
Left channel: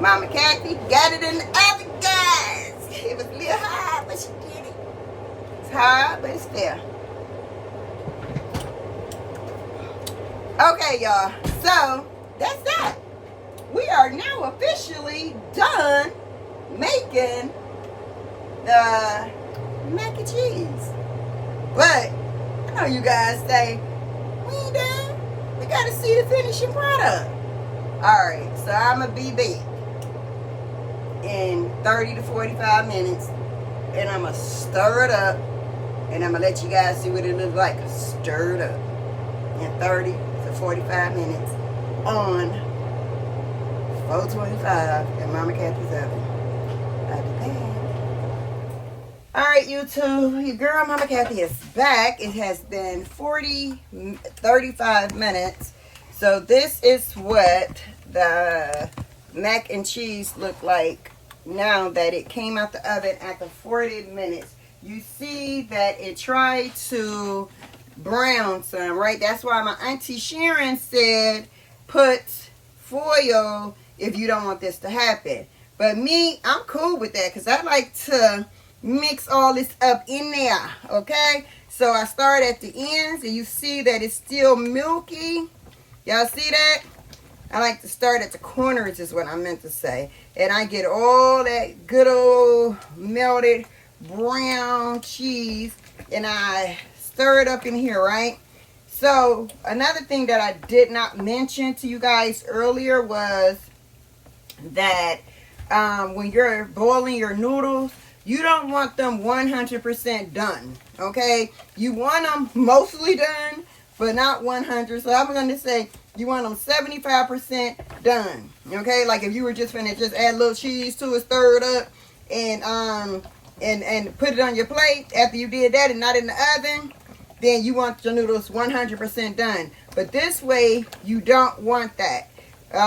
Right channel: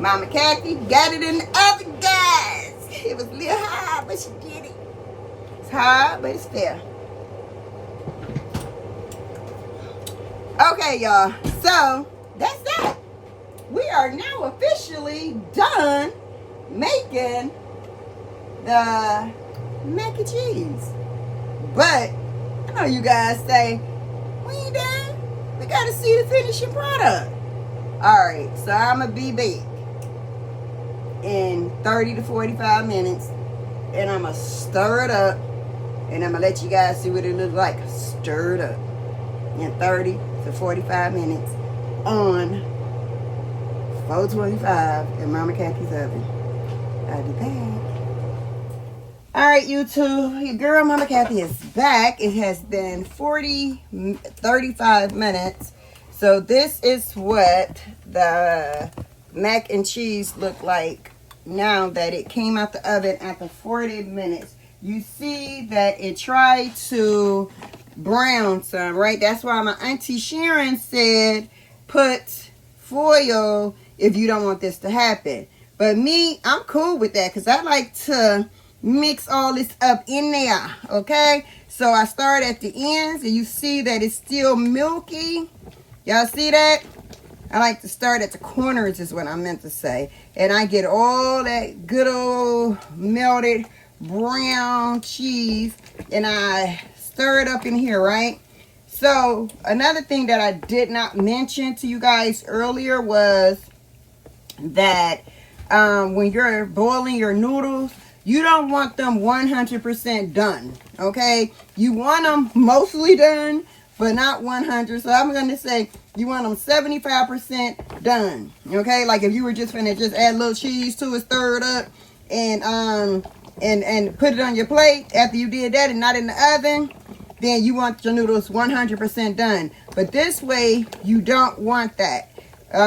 Mama Kathy got it in the oven, guys. It was a little hard, but she did it. It's hard, but it's fair. Okay, y'all. So, that's that. We are now officially done making the mac and cheese. But, I know you guys say, we ain't done. We got to see the finishing product. Alright, so I'm going to be big in 30 to 45 minutes. And I'm going to stir it up. And I'm going to let you guys see what it looks like. Stir it up. In 30 to 45 minutes on 425 in Mama Kathy's oven. I'll be back. Alright, YouTube. Your girl Mama Kathy is back. It has been 35 minutes. So this is what the mac and cheese look like now that it came out the oven after 40 minutes. You see that it tried to brown some, right? That's why my Auntie Sharon said put foil if you don't want this to happen. But me, I'm cool with that because I like to mix all this up in there, okay? So I start at the ends and you see that it's still milky. Y'all see that? I like to start at the corners is what I meant to say. And I get all that good old melted brown cheese and I stir it up in here, right? So another thing that I did not mention to you guys earlier was that when you're boiling your noodles, you don't want them 100% done, okay? You want them mostly done, but not 100. So I'm going to say you want them 75% done, okay? Like if you were just finna just add a little cheese to it, stir it up, and put it on your plate after you did that and not in the oven, then you want your noodles 100% done. But this way, you don't want that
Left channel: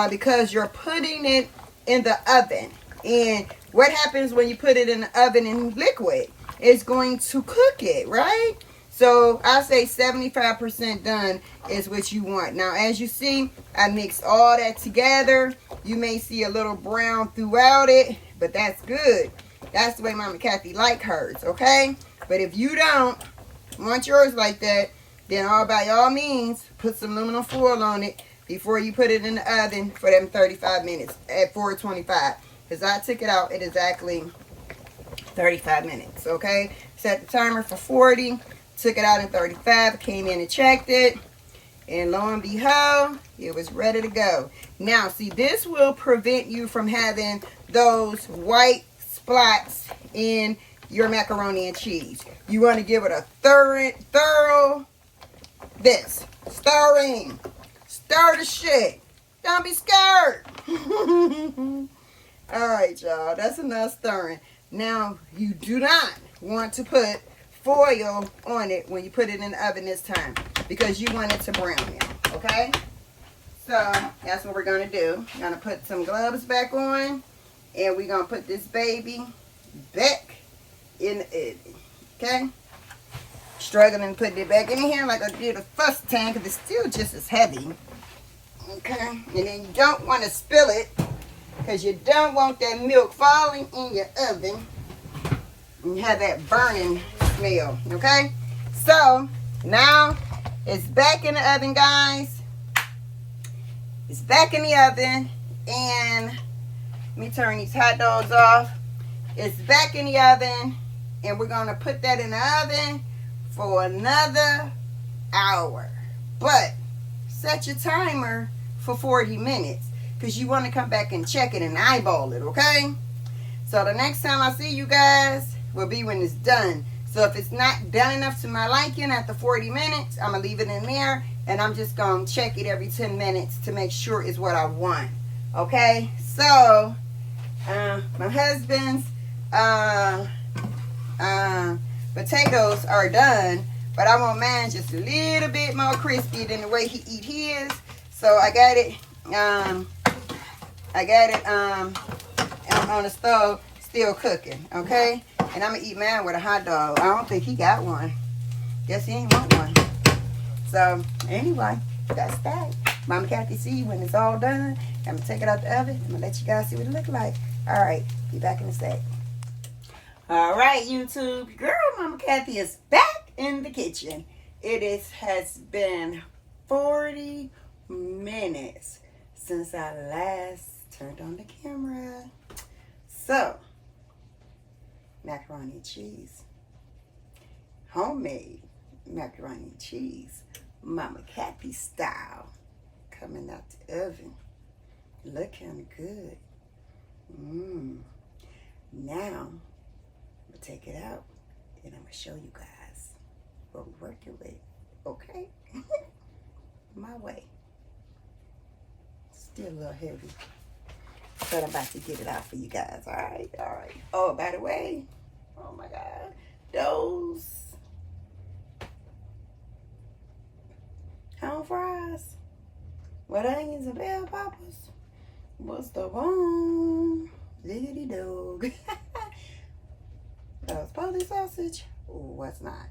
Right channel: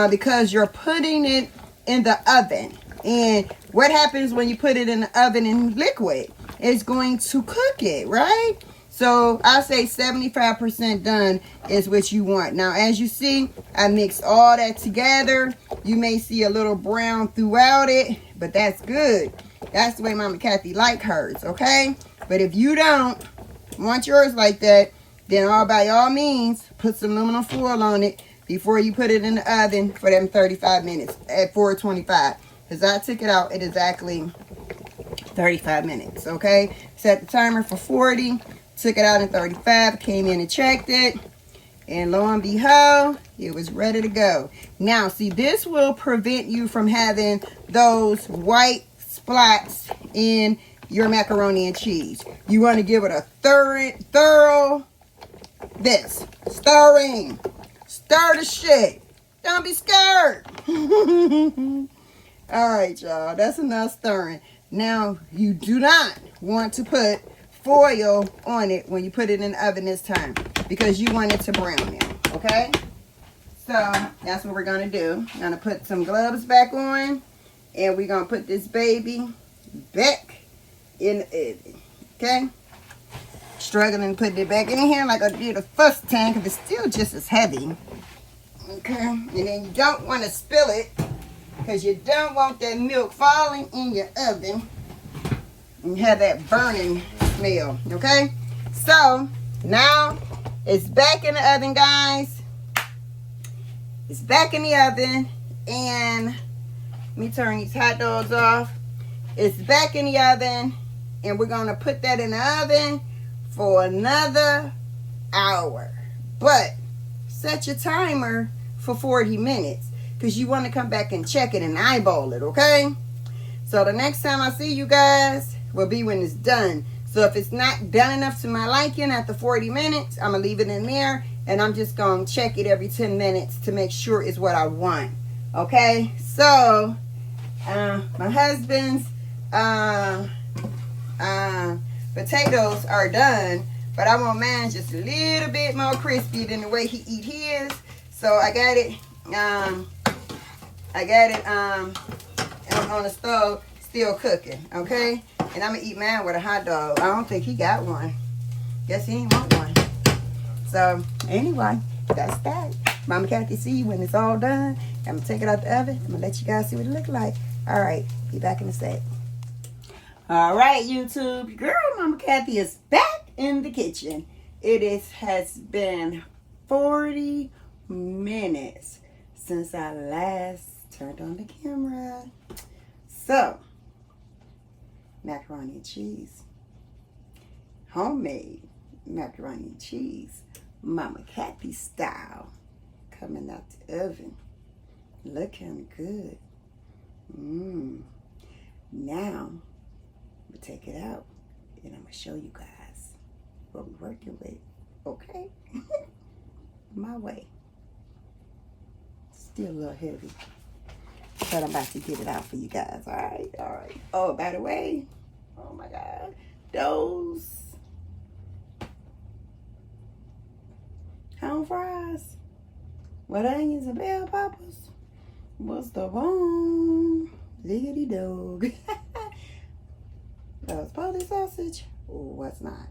because you're putting it in the oven. And what happens when you put it in the oven in liquid? It's going to cook it, right? So I say 75% done is what you want. Now, as you see, I mixed all that together. You may see a little brown throughout it, but that's good. That's the way Mama Kathy like hers, okay? But if you don't want yours like that, then by all means, put some aluminum foil on it before you put it in the oven for them 35 minutes at 425. Because I took it out at exactly 35 minutes, okay? Set the timer for 40, took it out in 35, came in and checked it, and lo and behold, it was ready to go. Now, see, this will prevent you from having those white spots in your macaroni and cheese. You want to give it a thorough stirring. Stir the shit. Don't be scared. All right, y'all. That's enough stirring. Now, you do not want to put foil on it when you put it in the oven this time because you want it to brown now, okay? So, that's what we're going to do. We're going to put some gloves back on, and we're going to put this baby back in the oven, okay? Struggling putting it back in here like I did the first time because it's still just as heavy, okay? And then you don't want to spill it because you don't want that milk falling in your oven and you have that burning smell, okay? So, Now, it's back in the oven, guys. It's back in the oven. And let me turn these hot dogs off. It's back in the oven. And we're going to put that in the oven for another hour. But set your timer for 40 minutes. Because you want to come back and check it and eyeball it, okay? So the next time I see you guys will be when it's done. So if it's not done enough to my liking after 40 minutes, I'm going to leave it in there. And I'm just going to check it every 10 minutes to make sure it's what I want. Okay? So, my husband's potatoes are done. But I want mine just a little bit more crispy than the way he eat his. So I got it. On the stove, still cooking, okay? And I'm gonna eat mine with a hot dog. I don't think he got one. Guess he ain't want one. So, anyway, that's that. Mama Kathy, see you when it's all done. I'm gonna take it out the oven. I'm gonna let you guys see what it look like. All right, be back in a sec. All right, YouTube. Girl, Mama Kathy is back in the kitchen. Has been 40 minutes since I last turned on the camera. So, macaroni and cheese. Homemade macaroni and cheese. Mama Kathy style. Coming out the oven. Look kind of good. Now, I'm going to take it out and I'm going to show you guys what we're working with. Okay? My way. Still a little heavy. But I'm about to get it out for you guys. All right? All right. Oh, by the way. Oh, my God. Those home fries with onions and bell peppers was the bomb. Liggity dog. Those Polish sausage was not.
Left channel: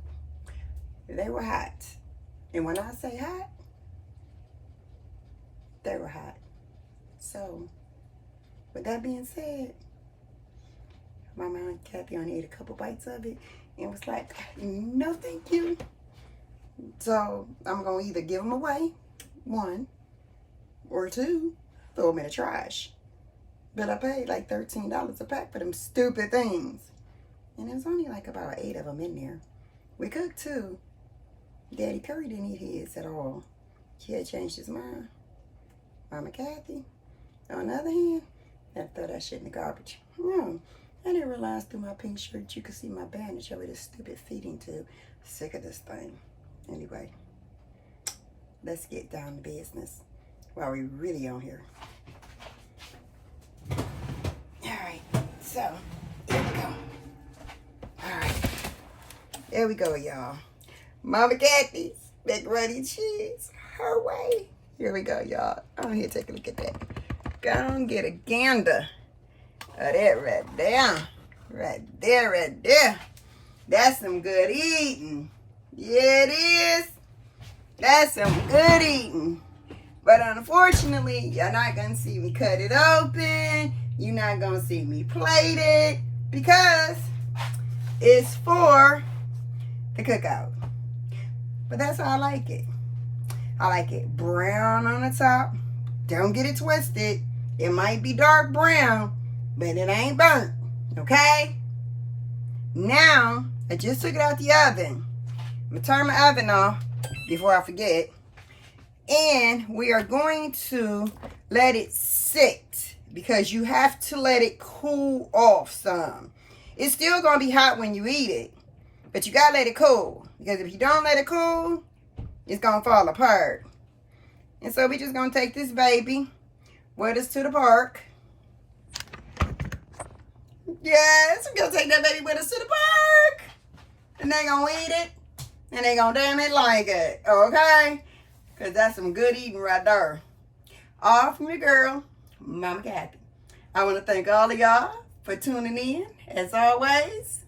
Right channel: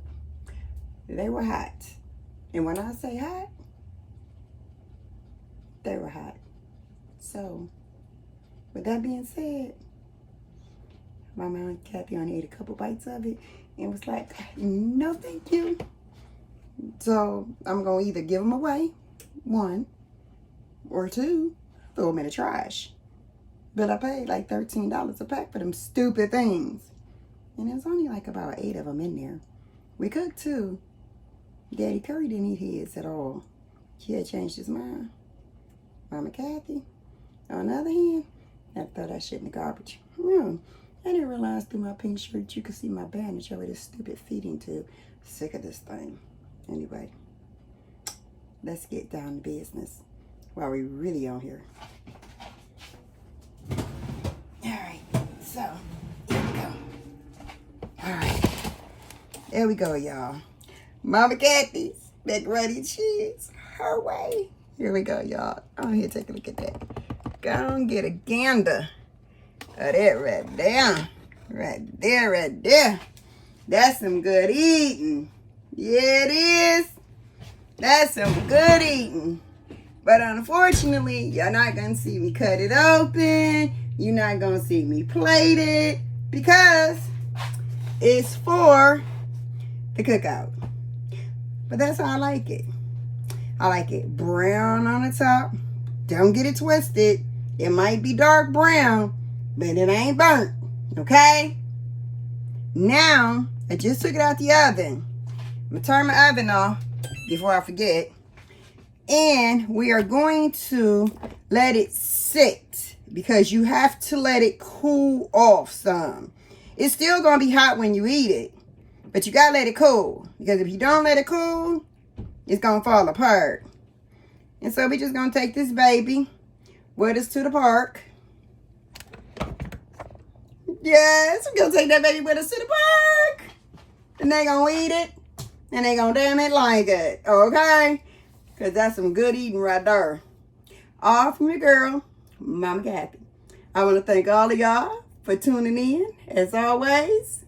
They were hot. And when I say hot, they were hot. So, with that being said, my mom, Kathy, only ate a couple bites of it and was like, no, thank you. So, I'm going to either give them away, one, or two, throw them in the trash. But I paid like $13 a pack for them stupid things. And there's only like about 8 of them in there. We cooked too. Daddy Curry didn't eat his at all. He had changed his mind. Mama Kathy, on the other hand, I had to throw that shit in the garbage. No, I didn't realize through my pink shirt you could see my bandage over this stupid feeding tube. Sick of this thing. Anyway, let's get down to business while we really on here. Alright, so here we go. Alright, there we go, y'all. Mama Kathy's macaroni and cheese, her way. Here we go, y'all. Oh, here, take a look at that. Go and get a gander of that right there. Right there, right there. That's some good eating. Yeah, it is. That's some good eating. But unfortunately, you're not going to see me cut it open. You're not going to see me plate it because it's for the cookout. But that's how I like it. I like it brown on the top. Don't get it twisted. It might be dark brown, but it ain't burnt. Okay? Now, I just took it out the oven. I'm going to turn my oven off before I forget. And we are going to let it sit because you have to let it cool off some. It's still going to be hot when you eat it, but you got to let it cool because if you don't let it cool, it's going to fall apart. And so we're just going to take this baby with us to the park. Yes, we're going to take that baby with us to the park. And they're going to eat it. And they're going to damn it like it. Okay? Because that's some good eating right there. All from your girl, Mama Kathy. I want to thank all of y'all for tuning in. As always,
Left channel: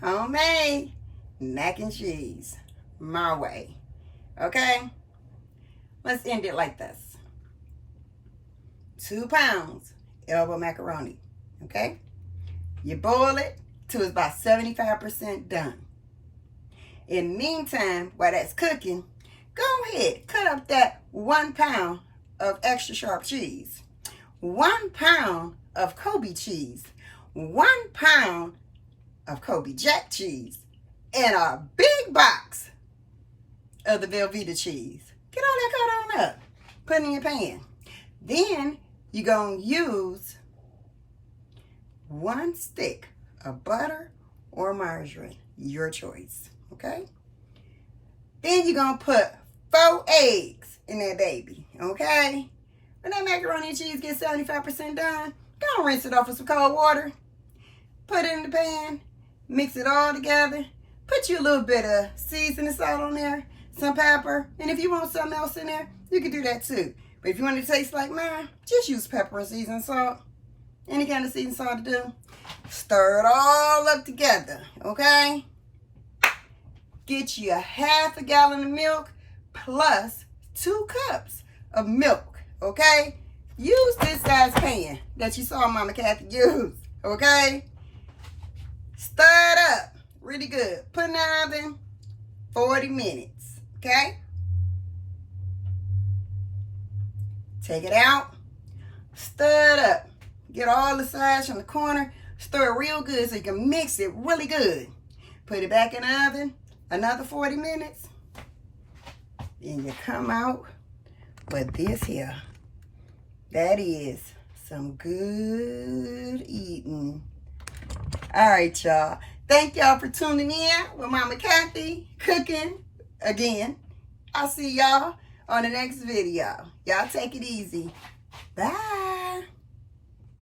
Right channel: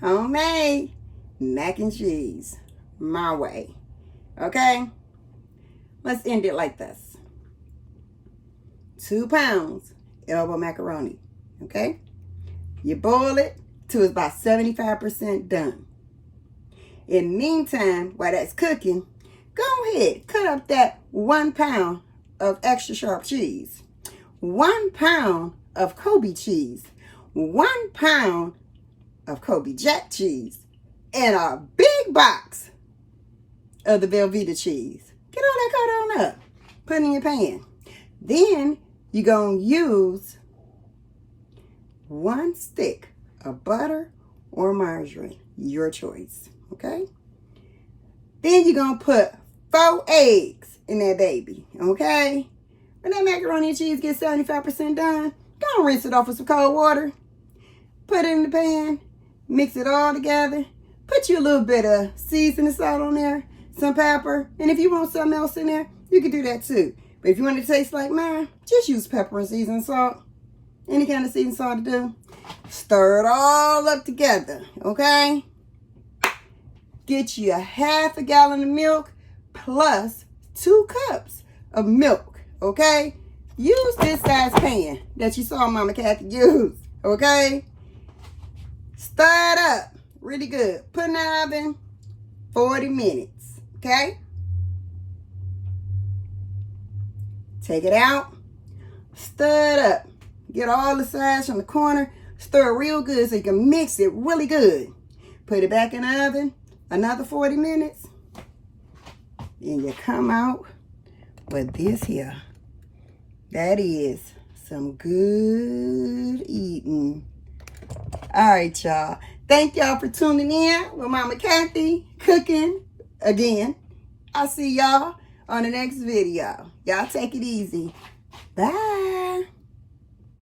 homemade mac and cheese. My way. Okay? Let's end it like this. 2 pounds elbow macaroni. Okay? You boil it till it's about 75% done. In the meantime, while that's cooking, go ahead, cut up that 1 pound of extra sharp cheese, 1 pound of Kobe cheese, 1 pound of Kobe Jack cheese, and a big box of the Velveeta cheese. Get all that cut on up. Put it in your pan. Then you're going to use 1 stick of butter or margarine, your choice, okay? Then you're going to put 4 eggs in that baby, okay? When that macaroni and cheese gets 75% done, go and rinse it off with some cold water. Put it in the pan, mix it all together. Put you a little bit of seasoning salt on there, some pepper, and if you want something else in there, you can do that too. But if you want it to taste like mine, just use pepper and seasoning salt. Any kind of seasoning salt to do. Stir it all up together, okay? Get you a ½ gallon of milk plus 2 cups of milk, okay? Use this size pan that you saw Mama Kathy use, okay? Stir it up really good. Put in the oven 40 minutes, okay? Take it out, stir it up. Get all the sides from the corner, stir it real good so you can mix it really good. Put it back in the oven, another 40 minutes. Then you come out with this here. That is some good eating. All right, y'all. Thank y'all for tuning in with Mama Kathy cooking again. I'll see y'all on the next video. Y'all take it easy. Bye.